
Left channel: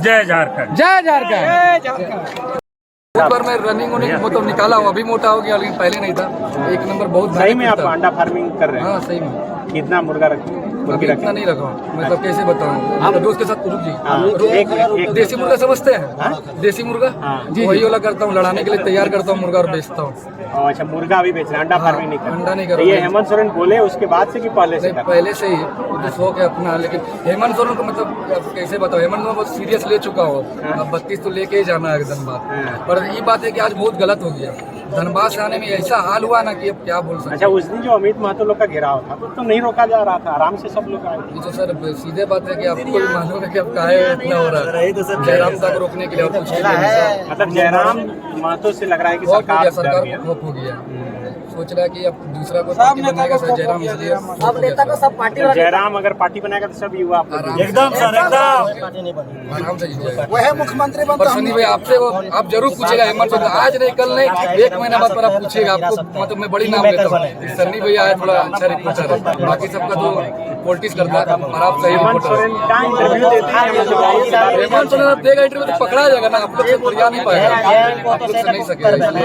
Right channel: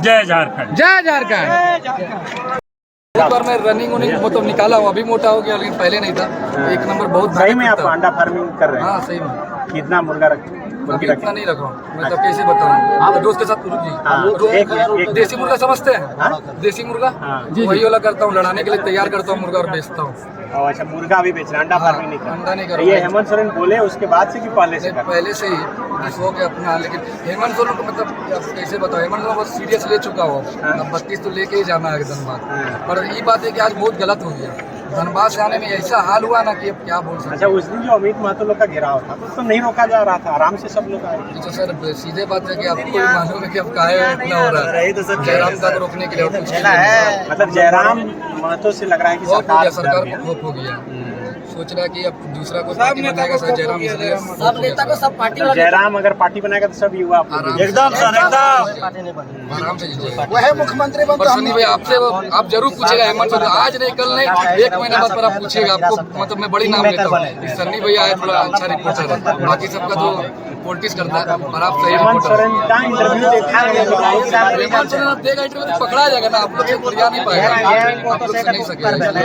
जय झारखंड जय झारखंड। बहुत बार मैं रनिंग मतलब निकाला हूँ अभी मोटा हो गया लेकिन पहले नहीं था। 1 नंबर बहुत सही में आप अंडा फार्मिंग कर रहे हैं? हाँ सही में। कितना मुर्गा रखे? अभी इतना नहीं रखा हूँ मतलब कैसे बताऊँ आप दोस्त के साथ एक देसी मुर्गा समझते हैं देसी मुर्गा वही वाला करता हूँ लड़ाने के लिए तैयार करता हूँ मुर्गा और बेचता हूँ। अच्छा मुर्गा भी बेच रहे हैं अंडा फार्मिंग नहीं कर अंडा नहीं कर ये हेमंत सोरेन बोले उसके बाद से कि पहले से? पहले से ही शौक है अपना लेकिन हेमंत सोरेन को मतलब कैसे बताओ हेमंत को बहुत सीरियस ले चुका हो अब 32 तो लेके ही जाना है एकदम बात। पर ये बात है कि आज बहुत गलत हो गया धनबाद से आने में ऐसा हाल हुआ ना कि अब क्या बोल सकते अच्छा, उस दिन जो अमित महतो लोग का घेराव था तो नहीं रोका जा रहा था, आराम से सब लोग आए। हैं। तो सर सीधे बात है कि आपको भी मालूम है कि अब काहे इतना हो रहा है। जयराम तक रोकने के लिए और कुछ के लिए नहीं। मतलब जयराम महतो से लग रहा है कि खौफ हो गया, सरकार सरकार को खौफ हो गया। सोच रहा है कि अब दूसरा कोई पार्टी बनाएगा शायद जयराम, इसलिए सब नेता को सब पार्टी मतलब जयराम अगर पार्टी बनाएगा तो सब युवा एकदम आराम से जीत जाएगा। वह मुख्यमंत्री पर सनी भाई आपसे आप जरूर पूछेगा हेमंत सोरेन, आज नहीं कल नहीं 1 महीना बाद पर आप पूछेगा। आपको मतलब मैं बड़ी नाम लेता हूँ, सन्नी भैया है थोड़ा अच्छा रिपोर्टर है, बाकी सबका तो पॉलिटिक्स करता है और आप सही हेमंत रिपोर्टर सोरेन का इंटरव्यू देता है। हेमंत सोरेन आप देगा इंटरव्यू तो पकड़ा जाएगा ना, आप लोग से फरिया नहीं पाएगा, आप लोग से नहीं सकेगा। इसलिए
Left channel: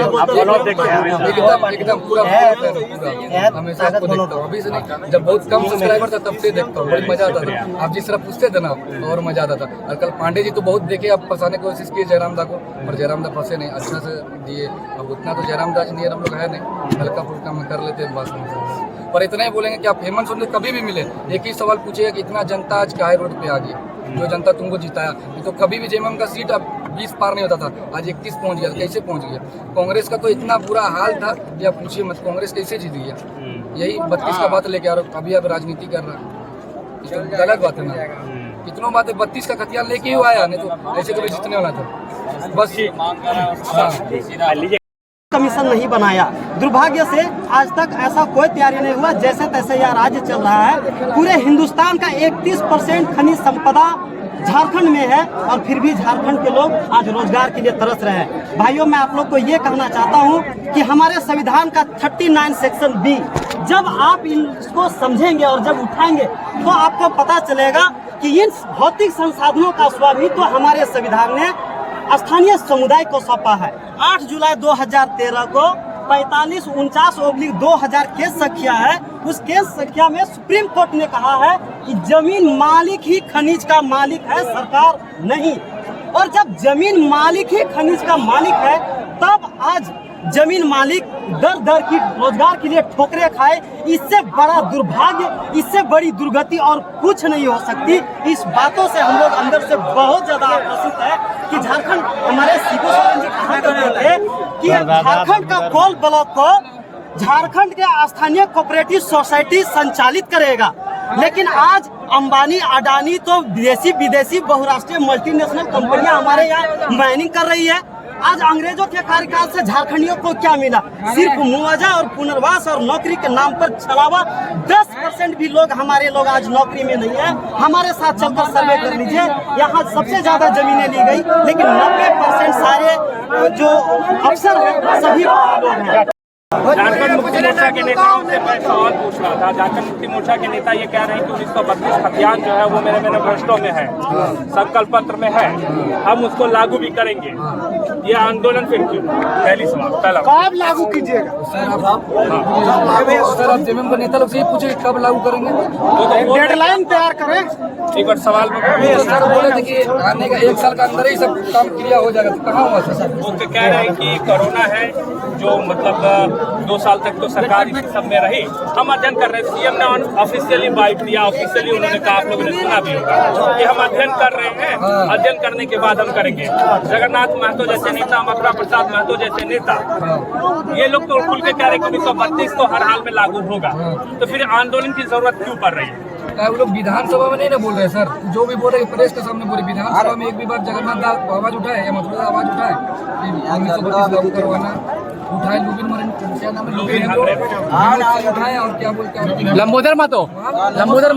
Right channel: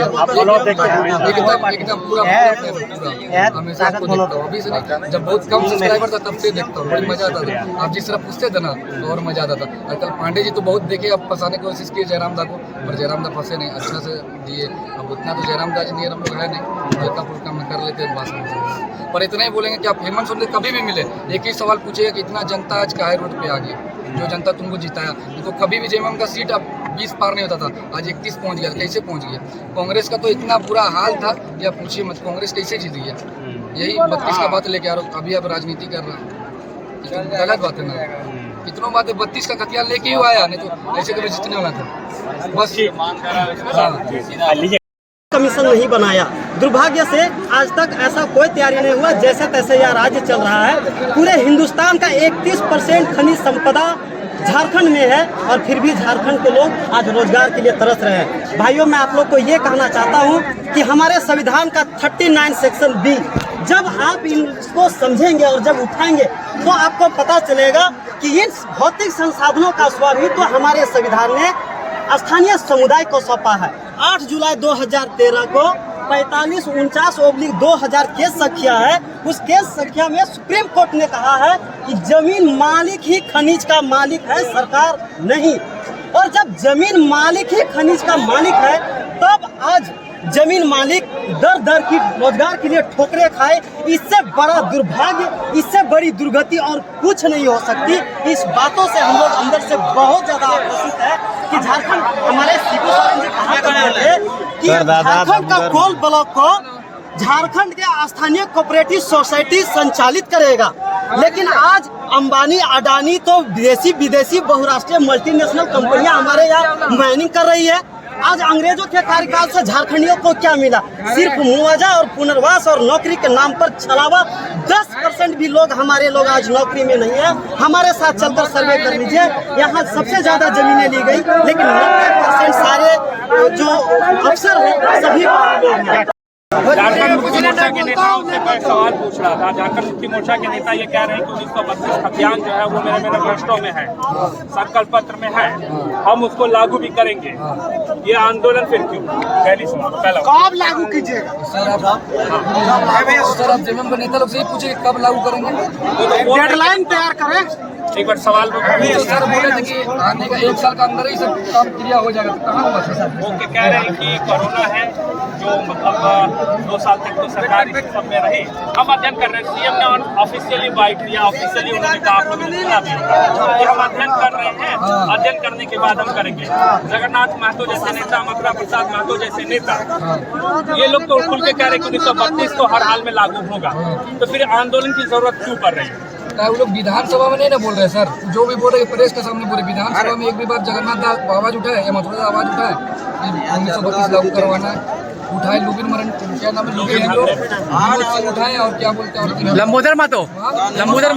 एकदम पूरा हमेशा आपको देखता हूँ, अभी से नहीं, जब बहुत कम सब्सक्राइबर था तब से देखता हूँ, बड़ी मजा आता था। आप जिस तरह पूछते थे ना तो और मजा आता था। और कल पांडे जी तो बहुत देखे, अब फंसाने की कोशिश की जयराम दा को, पर जयराम दा फंसे नहीं, अच्छा से दिए। अब उतना तो जयराम दा जी नियर हम लोग है नहीं, हल्का फुल्का में कर लेते हैं भाषण से। पर इतना ही बोलेंगे कि आप हेमंत सोरेन से कभी भी मिले एक ही सवाल पूछिएगा कि इतना जनता आज काहे रोड पे आ गई, जो जनता तुमको जिताया। नहीं तो कभी भी जेएमएम का सीट अब 20 पार नहीं होता था, आज 31 पहुंच गया। कैसे पहुंच गया? कांग्रेस का तो इतना बुरा हाल था कि आप पूछिए मत, कांग्रेस कैसे जीत गया। यही 32 का बात लेके आ रहा हूँ, अभी आप राजनीति कर रहा है, ये तो गलत बात है ना। कितनों बात है, 32 का खतियान लेके ही आया, नहीं तो ऐसे कभी जीतने वाला था बस। कमीशन नहीं बनाया। दुर्भाग्य से आज तक ऐसा कोई तैयारी नहीं हुआ, जैसे तैसे यह राज्य चल रहा है। पूरे हिंदुस्तान का 31% खनिज संपदा झारखंड में है और फिर भी झारखंड के लोग आज रोजगार के लिए तरस रहे हैं। भाइयों, मैं आप लोग को ये कहना चाहता हूँ कि हमारे संविधान का 39 सेक्शन बी, जब आप इसको समझेंगे और जब उठाएंगे तो आपको पता चलेगा कि इन भौतिक संसाधनों का स्वामित्व हमारे संविधान ने स्थानीय समुदाय को सौंपा है। 8 जुलाई 2013 को 4549/2000 केस संख्या है। उस केस संख्या में सुप्रीम कोर्ट ने कहा है कि जमीन मालिक ही खनिज का मालिक है, सरकार नहीं। और जब जमीन मालिक ही खनिज का मालिक है, तब आज जमीन मालिक दर दर की रोजगार के लिए ठोकरे खाए। इससे बड़ा दुर्भाग्य, इससे बड़ी दुर्गति और कुछ नहीं हो सकती। इस बातों से हम लोग अंदर से बहुत ज्यादा आक्रोशित है कि झारखंड, हमारे सीपी सोरेन जी कहा करते थे कि झारखंड का कोल ब्लॉक को झारखंड के स्थानीय कोऑपरेटिव सोसाइटी संचालित करेगा, लेकिन आज अंबानी, अडानी तो विदेशी बहुराष्ट्रीय मल्टीनेशनल कंपनियां हमारे यहाँ माइनिंग कर रही है। आज अंग्रेजों के कार्यकाल से झारखंडियों को क्या मिला? सिर्फ मुआवजा और पुनर्वास और नौकरी के नाम पर छलावा। 10% भी लोग, हमारे लोग आज नौकरी में नहीं है। हमारे साथ चलकर सर्वे कर लीजिए, यहाँ सबसे ज्यादा जमीनें ली गई, लेकिन 90% सारे जो अफसर हैं सभी लोग हैं। झारखंड मुक्ति मोर्चा के नेताओं से मैं सवाल पूछ रहा था। झारखंड मुक्ति मोर्चा के नेता ये कह रहे हैं कि 1932 खतियान जो है वो मेरे मैनिफेस्टो में है, संकल्प पत्र में है, हम उसको लागू भी करेंगे। ये आंदोलन फिर क्यों? पहली सवाल पहला कब लागू कीजिएगा? सर आप जेएमएम का नेता लोग से ही पूछे कब लागू करेंगे, डेडलाइन तैयार करें। एक बार सवाल तो सर बोले थे कि आने का 1 साल का अंदर ही सब काम क्रिया हो जाएगा, तो कहाँ हुआ सर? वो कह रहे हैं कि कोरोना है, जो मतलब 2 साल तक तो सरकार इस सब में रही। हम अध्ययन कर रहे हैं, सीएम ने ऑफिशियली बाइट दिया, ऑफिशियली उन्होंने कहा, आप लोगों ने सुना भी होगा कि हम अध्ययन कर रहे हैं, अध्ययन करने के बाद हम करेंगे। जगन्नाथ महतो जैसे नेता, मथुरा प्रसाद महतो जैसे नेता, ये लोग तो खुल के कह रहे हैं कि 1932 तो हर हाल में लागू होगा, तो फिर आंदोलन की जरूरत क्यों पड़ रही है? वो लोग विधानसभा में नहीं ना बोल रहे सर, जो भी बोल रहे प्रेस के सामने बोले। विधानसभा में एक भी बार जगन्नाथ दा आवाज उठाए या मथुरा आवाज उठाए कि 1932 लागू करवाना है? उठाए लुबिन मरन, क्या नाम है, लुबिन लोग उठाए और क्या बोलते हैं, लंबोदर महतो, लंबोदर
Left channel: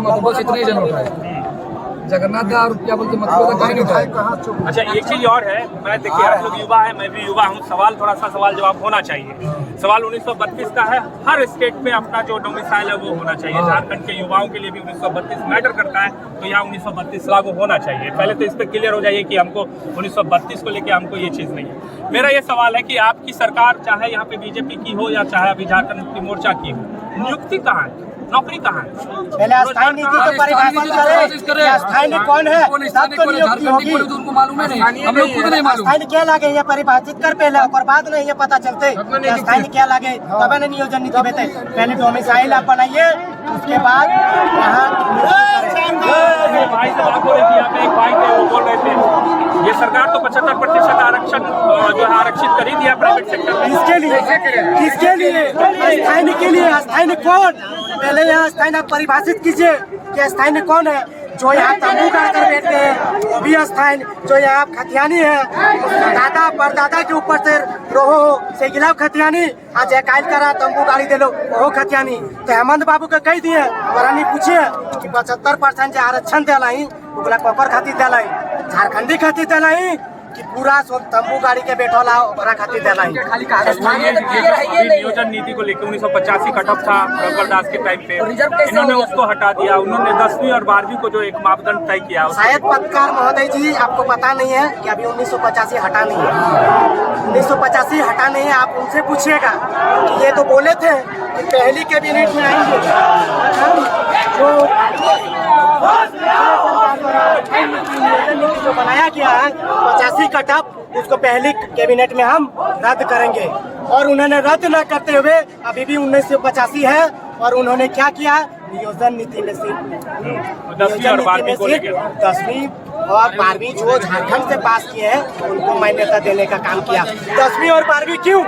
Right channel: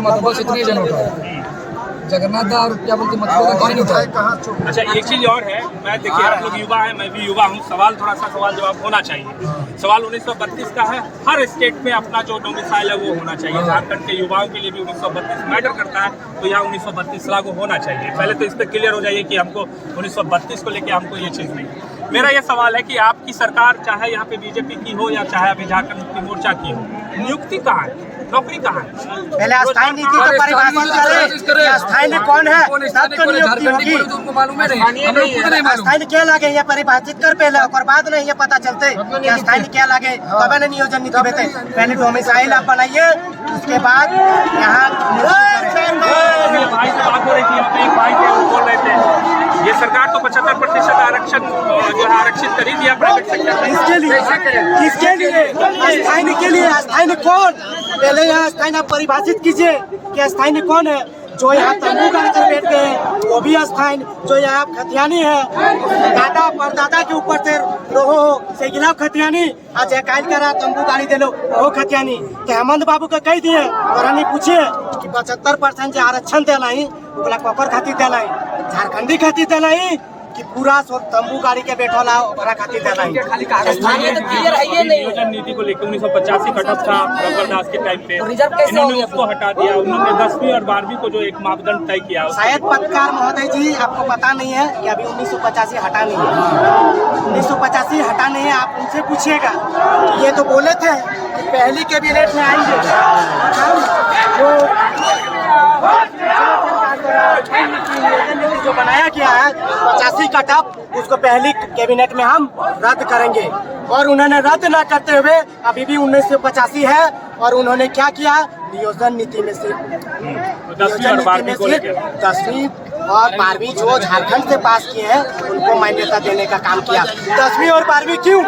महतो, बस इतने जन उठाए। जगन्नाथ दा और क्या बोलते मथुरा का कहीं नहीं उठाए। अच्छा, एक चीज और है, मैं देखिए आप लोग युवा है, मैं भी युवा हूँ, सवाल थोड़ा सा सवाल जवाब होना चाहिए। सवाल 1932 का है, हर स्टेट में अपना जो डोमिसाइल है वो होना चाहिए। झारखंड के युवाओं के लिए भी 1932 मैटर करता है, तो यहाँ 1932 लागू होना चाहिए। पहले तो इस पर क्लियर हो जाइए कि हमको 1932 को लेके हमको ये चीज़ नहीं। मेरा ये सवाल है कि आपकी सरकार, चाहे यहाँ पे बीजेपी की हो या चाहे अभी झारखंड मुक्ति मोर्चा की हो, नियुक्ति कहाँ है, नौकरी कहाँ है? पहले अस्थायी नीति को परिभाषित करें। अस्थायी कौन है, तब तो नियुक्ति होगी। उनको मालूम है नहीं, हम लोग खुद नहीं मालूम। अस्थायी क्या लगे ये परिभाषित कर पहले, और बाद में ये पता चलते अस्थायी क्या लगे, तब न नियोजन नीति बेटे। पहले डोमिसाइल आप बनाइए, उसके बाद यहाँ भाई से बात हो रही थी, यहाँ पे एक भाई थे वो बोल रहे थे ये सरकार तो 75% आरक्षण जो आरक्षित कर ही दिया प्राइवेट सेक्टर में। किसके लिए? अस्थायी के लिए। अस्थायी कौन? पहले यहाँ अस्थायी आप परिभाषित कीजिए कि अस्थायी कौन है। जो यहाँ तंबू गाड़ कर बैठते हैं वो भी अस्थायी। जो यहाँ खतियानी है, दादा परदादा के ऊपर से रोहो से गिलाव खतियानी, आज एक कायल करा तंबू गाड़ी दे लो वो खतियानी। तो हेमंत बाबू का कही दिए वरानी पूछिए कि 75% जो आरक्षण दिलाई ओकरा ककर खातिर दिलाई, झारखंडी खातिर दिलाई कि पूरा तंबू गाड़ी के बैठोला ओकरा खातिर दिलाई। नियोजन नीति को लेकर 1985 कटअप था रघुवर दास के टाइम पे, इन्होंने उसको हटा दिया। उन्होंने 10वीं और 12वीं को जो एक मापदंड तय किया। शायद पत्रकार महोदय जी आपको पता नहीं है कि अभी 1985 हटा नहीं है। 1985 हटा नहीं है, आप उनसे पूछिएगा। ये तो बोले थे कि पहली कैबिनेट में आएंगे और हम जो नियोजन नीति जो बनाया गया है 85 कटअप, उसको पहली कैबिनेट में हम रद्द करेंगे। और उन्होंने रद्द न करते हुए अभी भी 1985 है और उन्होंने क्या किया? नियोजन नीति में सिर्फ 10वीं और 12वीं जो झारखंड से पास किए हैं उनको मान्यता देने का काम किया। 10वीं और 12वीं क्यों?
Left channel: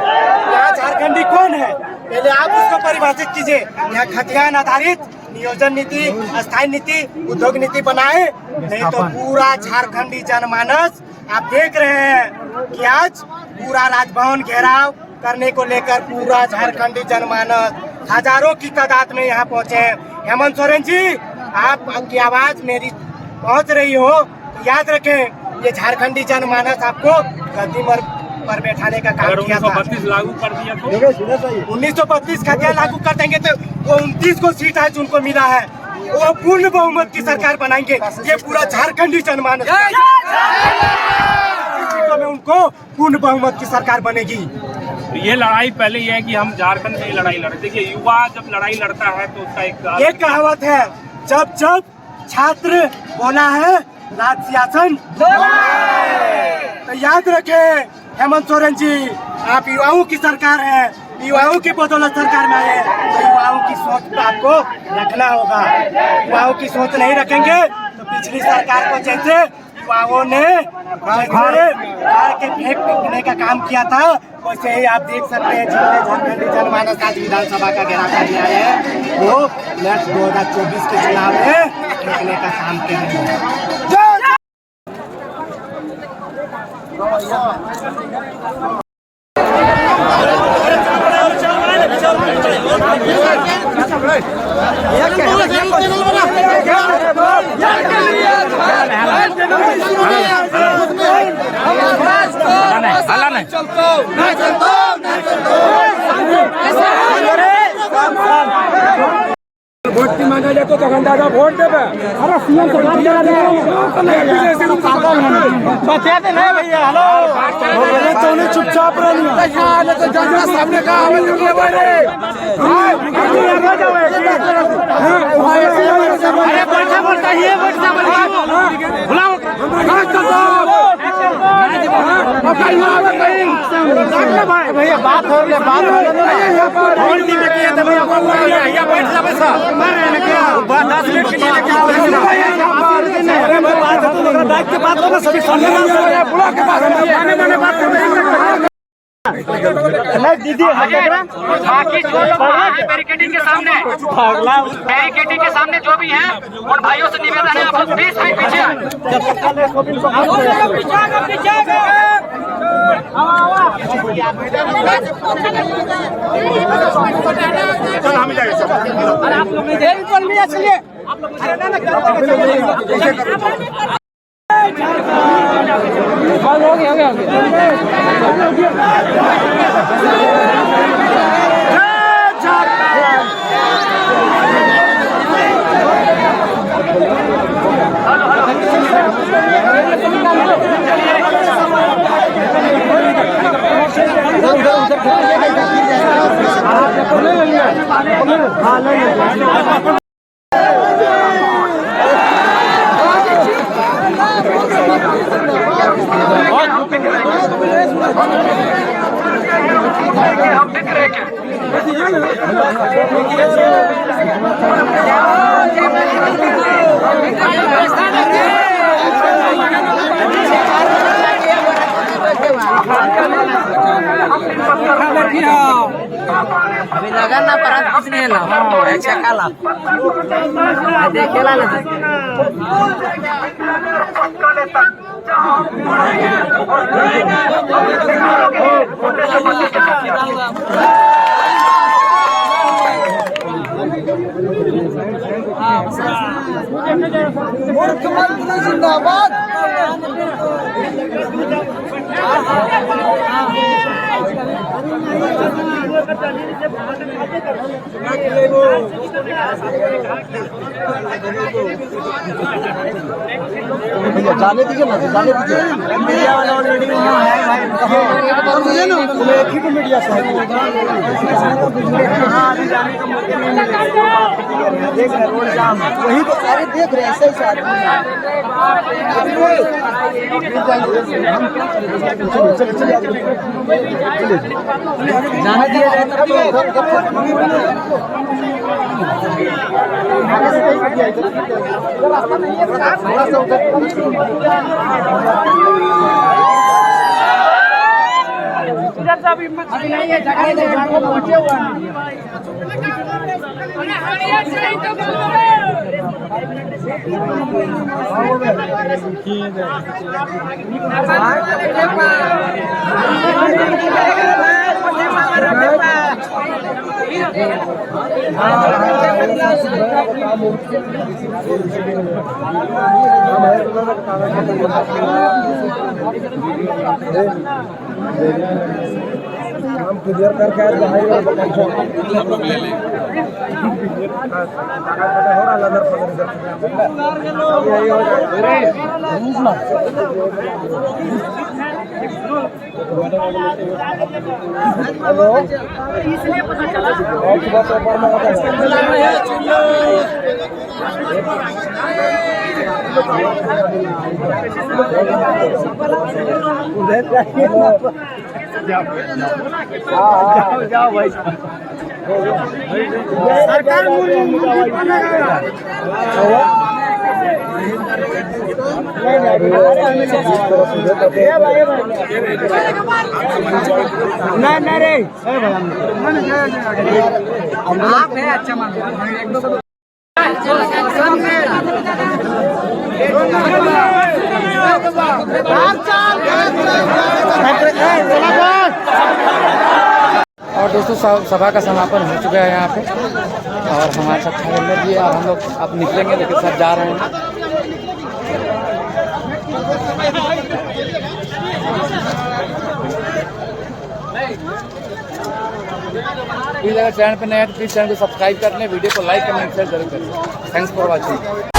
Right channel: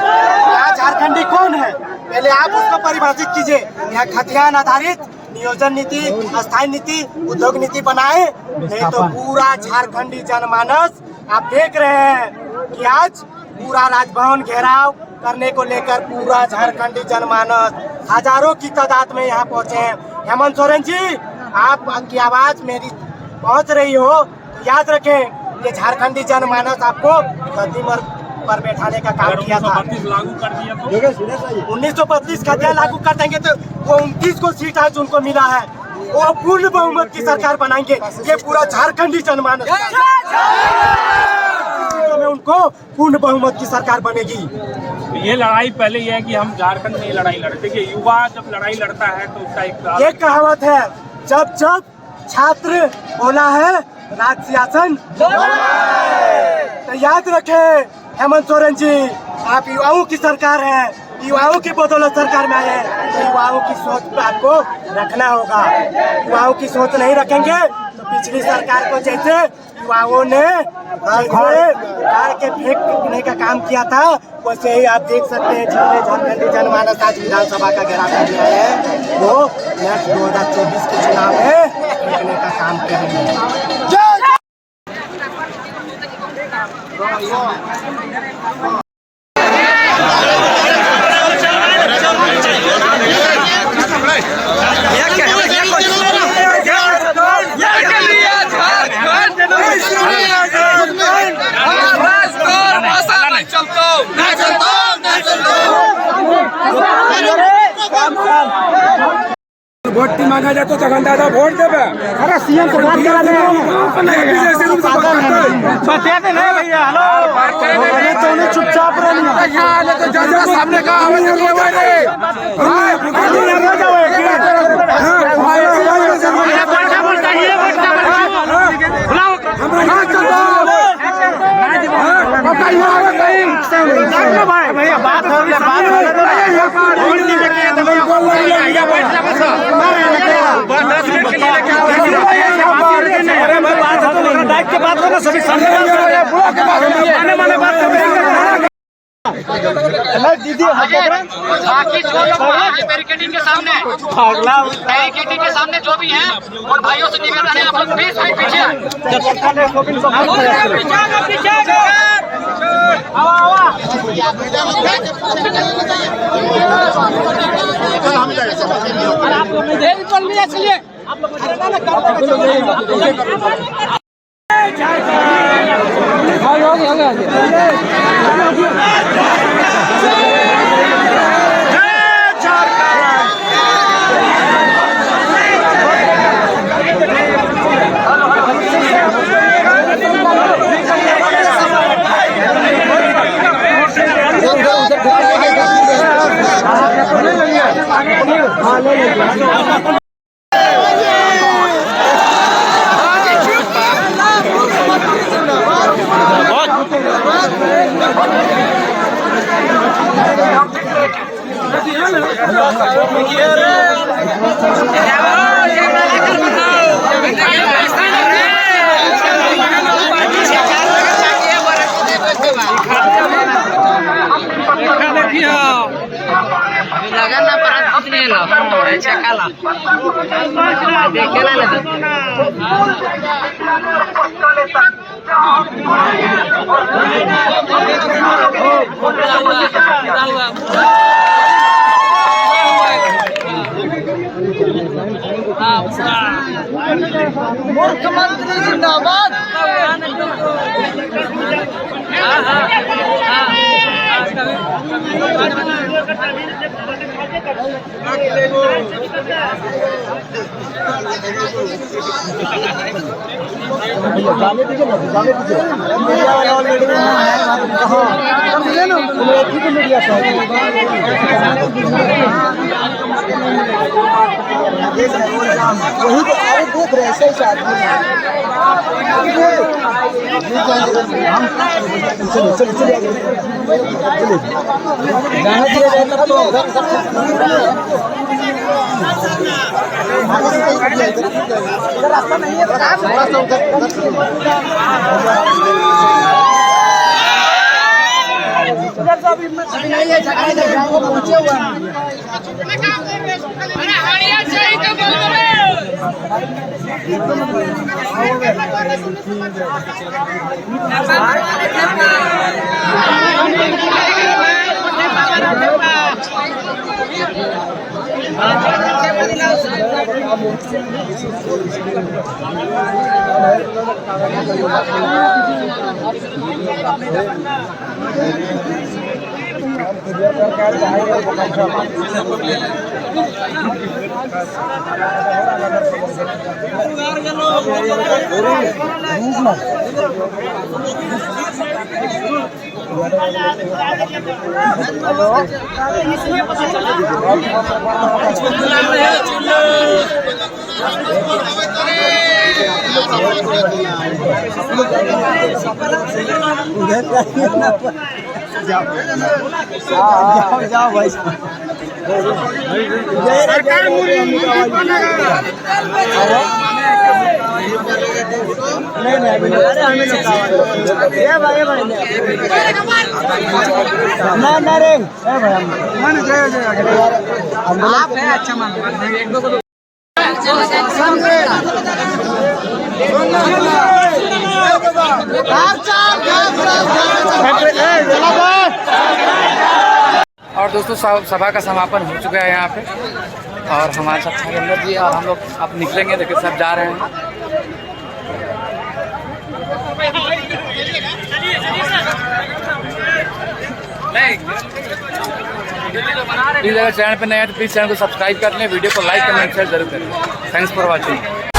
यहाँ झारखंडी कौन है पहले आप उसको परिभाषित कीजिए। यहाँ खतियान आधारित नियोजन नीति, अस्थायी नीति, उद्योग नीति बनाए, नहीं तो पूरा झारखंडी जनमानस आप देख रहे हैं कि आज पूरा राजभवन घेराव करने को लेकर पूरा झारखंडी जनमानस हजारों की तादाद में यहाँ पहुँचे हैं। हेमंत सोरेन जी, आपकी आवाज मेरी पहुँच रही हो तो याद रखें ये झारखंडी जनमानस आपको गद्दी पर बैठाने का काम किया था। 1932 लागू कर दिया तो 1932 का क्या लागू कर देंगे तो वो 29 को सीट आज उनको मिला है, वो पूर्ण बहुमत की सरकार बनाएंगे। ये पूरा झारखंडी जनमानस में उनको पूर्ण बहुमत की सरकार बनेगी। ये लड़ाई पहले ये है कि हम झारखंड में लड़ाई लड़ते। देखिए युवा जब लड़ाई लड़ता है तो उसका एक कहावत है, जब जब छात्र बोला है राज शासन। तो याद रखें हेमंत सोरेन जी, आप युवाओं की सरकार है, युवाओं की बदौलत सरकार में आए हैं, तो युवाओं की सोच पे आपको रखना होगा। युवाओं की सोच नहीं रखेंगे तो पिछली सरकार को जैसे युवाओं ने कार के फेंकने का काम किया था वैसे ही आप देख सकते हैं जितने झारखंडी जनमानस आज विधानसभा का घेराव करने आए हैं वो नेक्स्ट 2024 के चुनाव में फेंकने का काम करेंगे। वोट मांगा जाए तो दादा वोट देवे। अरे सीएम से बात करा दे, पागल है बता दे नहीं भैया। हेलो तो उन्हें चुपचाप रहना सामने का भैया बात हो दो ना। दीदी बाकी जो लोग बैरिकेडिंग के सामने बैरिकेडिंग के सामने जो भी हैं और भाइयों से निवेदन है आप 20 फीट पीछे हम जाएंगे। आप लोग चल लिया चलिए आप लोग लगन ना पर कुछ नहीं ला अच्छा काला देखेला ना मुख्यमंत्री जिंदाबाद। जाने दीजिए ना, जाने दीजिए। मीडिया वाले ऑलरेडी एक ही तो मीडिया से वही तो सारे देख रहे हैं, ऐसे ही आदमी जाने दिया जाए तब हम क्लियर करके हेलो जाओ भाई ना रे और दोस्तों सभा का समापन हो चुका है यहाँ पे और हमारे साथ छागेंद्र जी और हम लोग अब निकलेंगे, लेकिन सब जा रहे हैं। प्लीज़ अगर चैनल पे नए हैं तो प्लीज़ चैनल को सब्सक्राइब कर लें, वीडियो को लाइक कमेंट शेयर जरूर करें। Thanks for watching.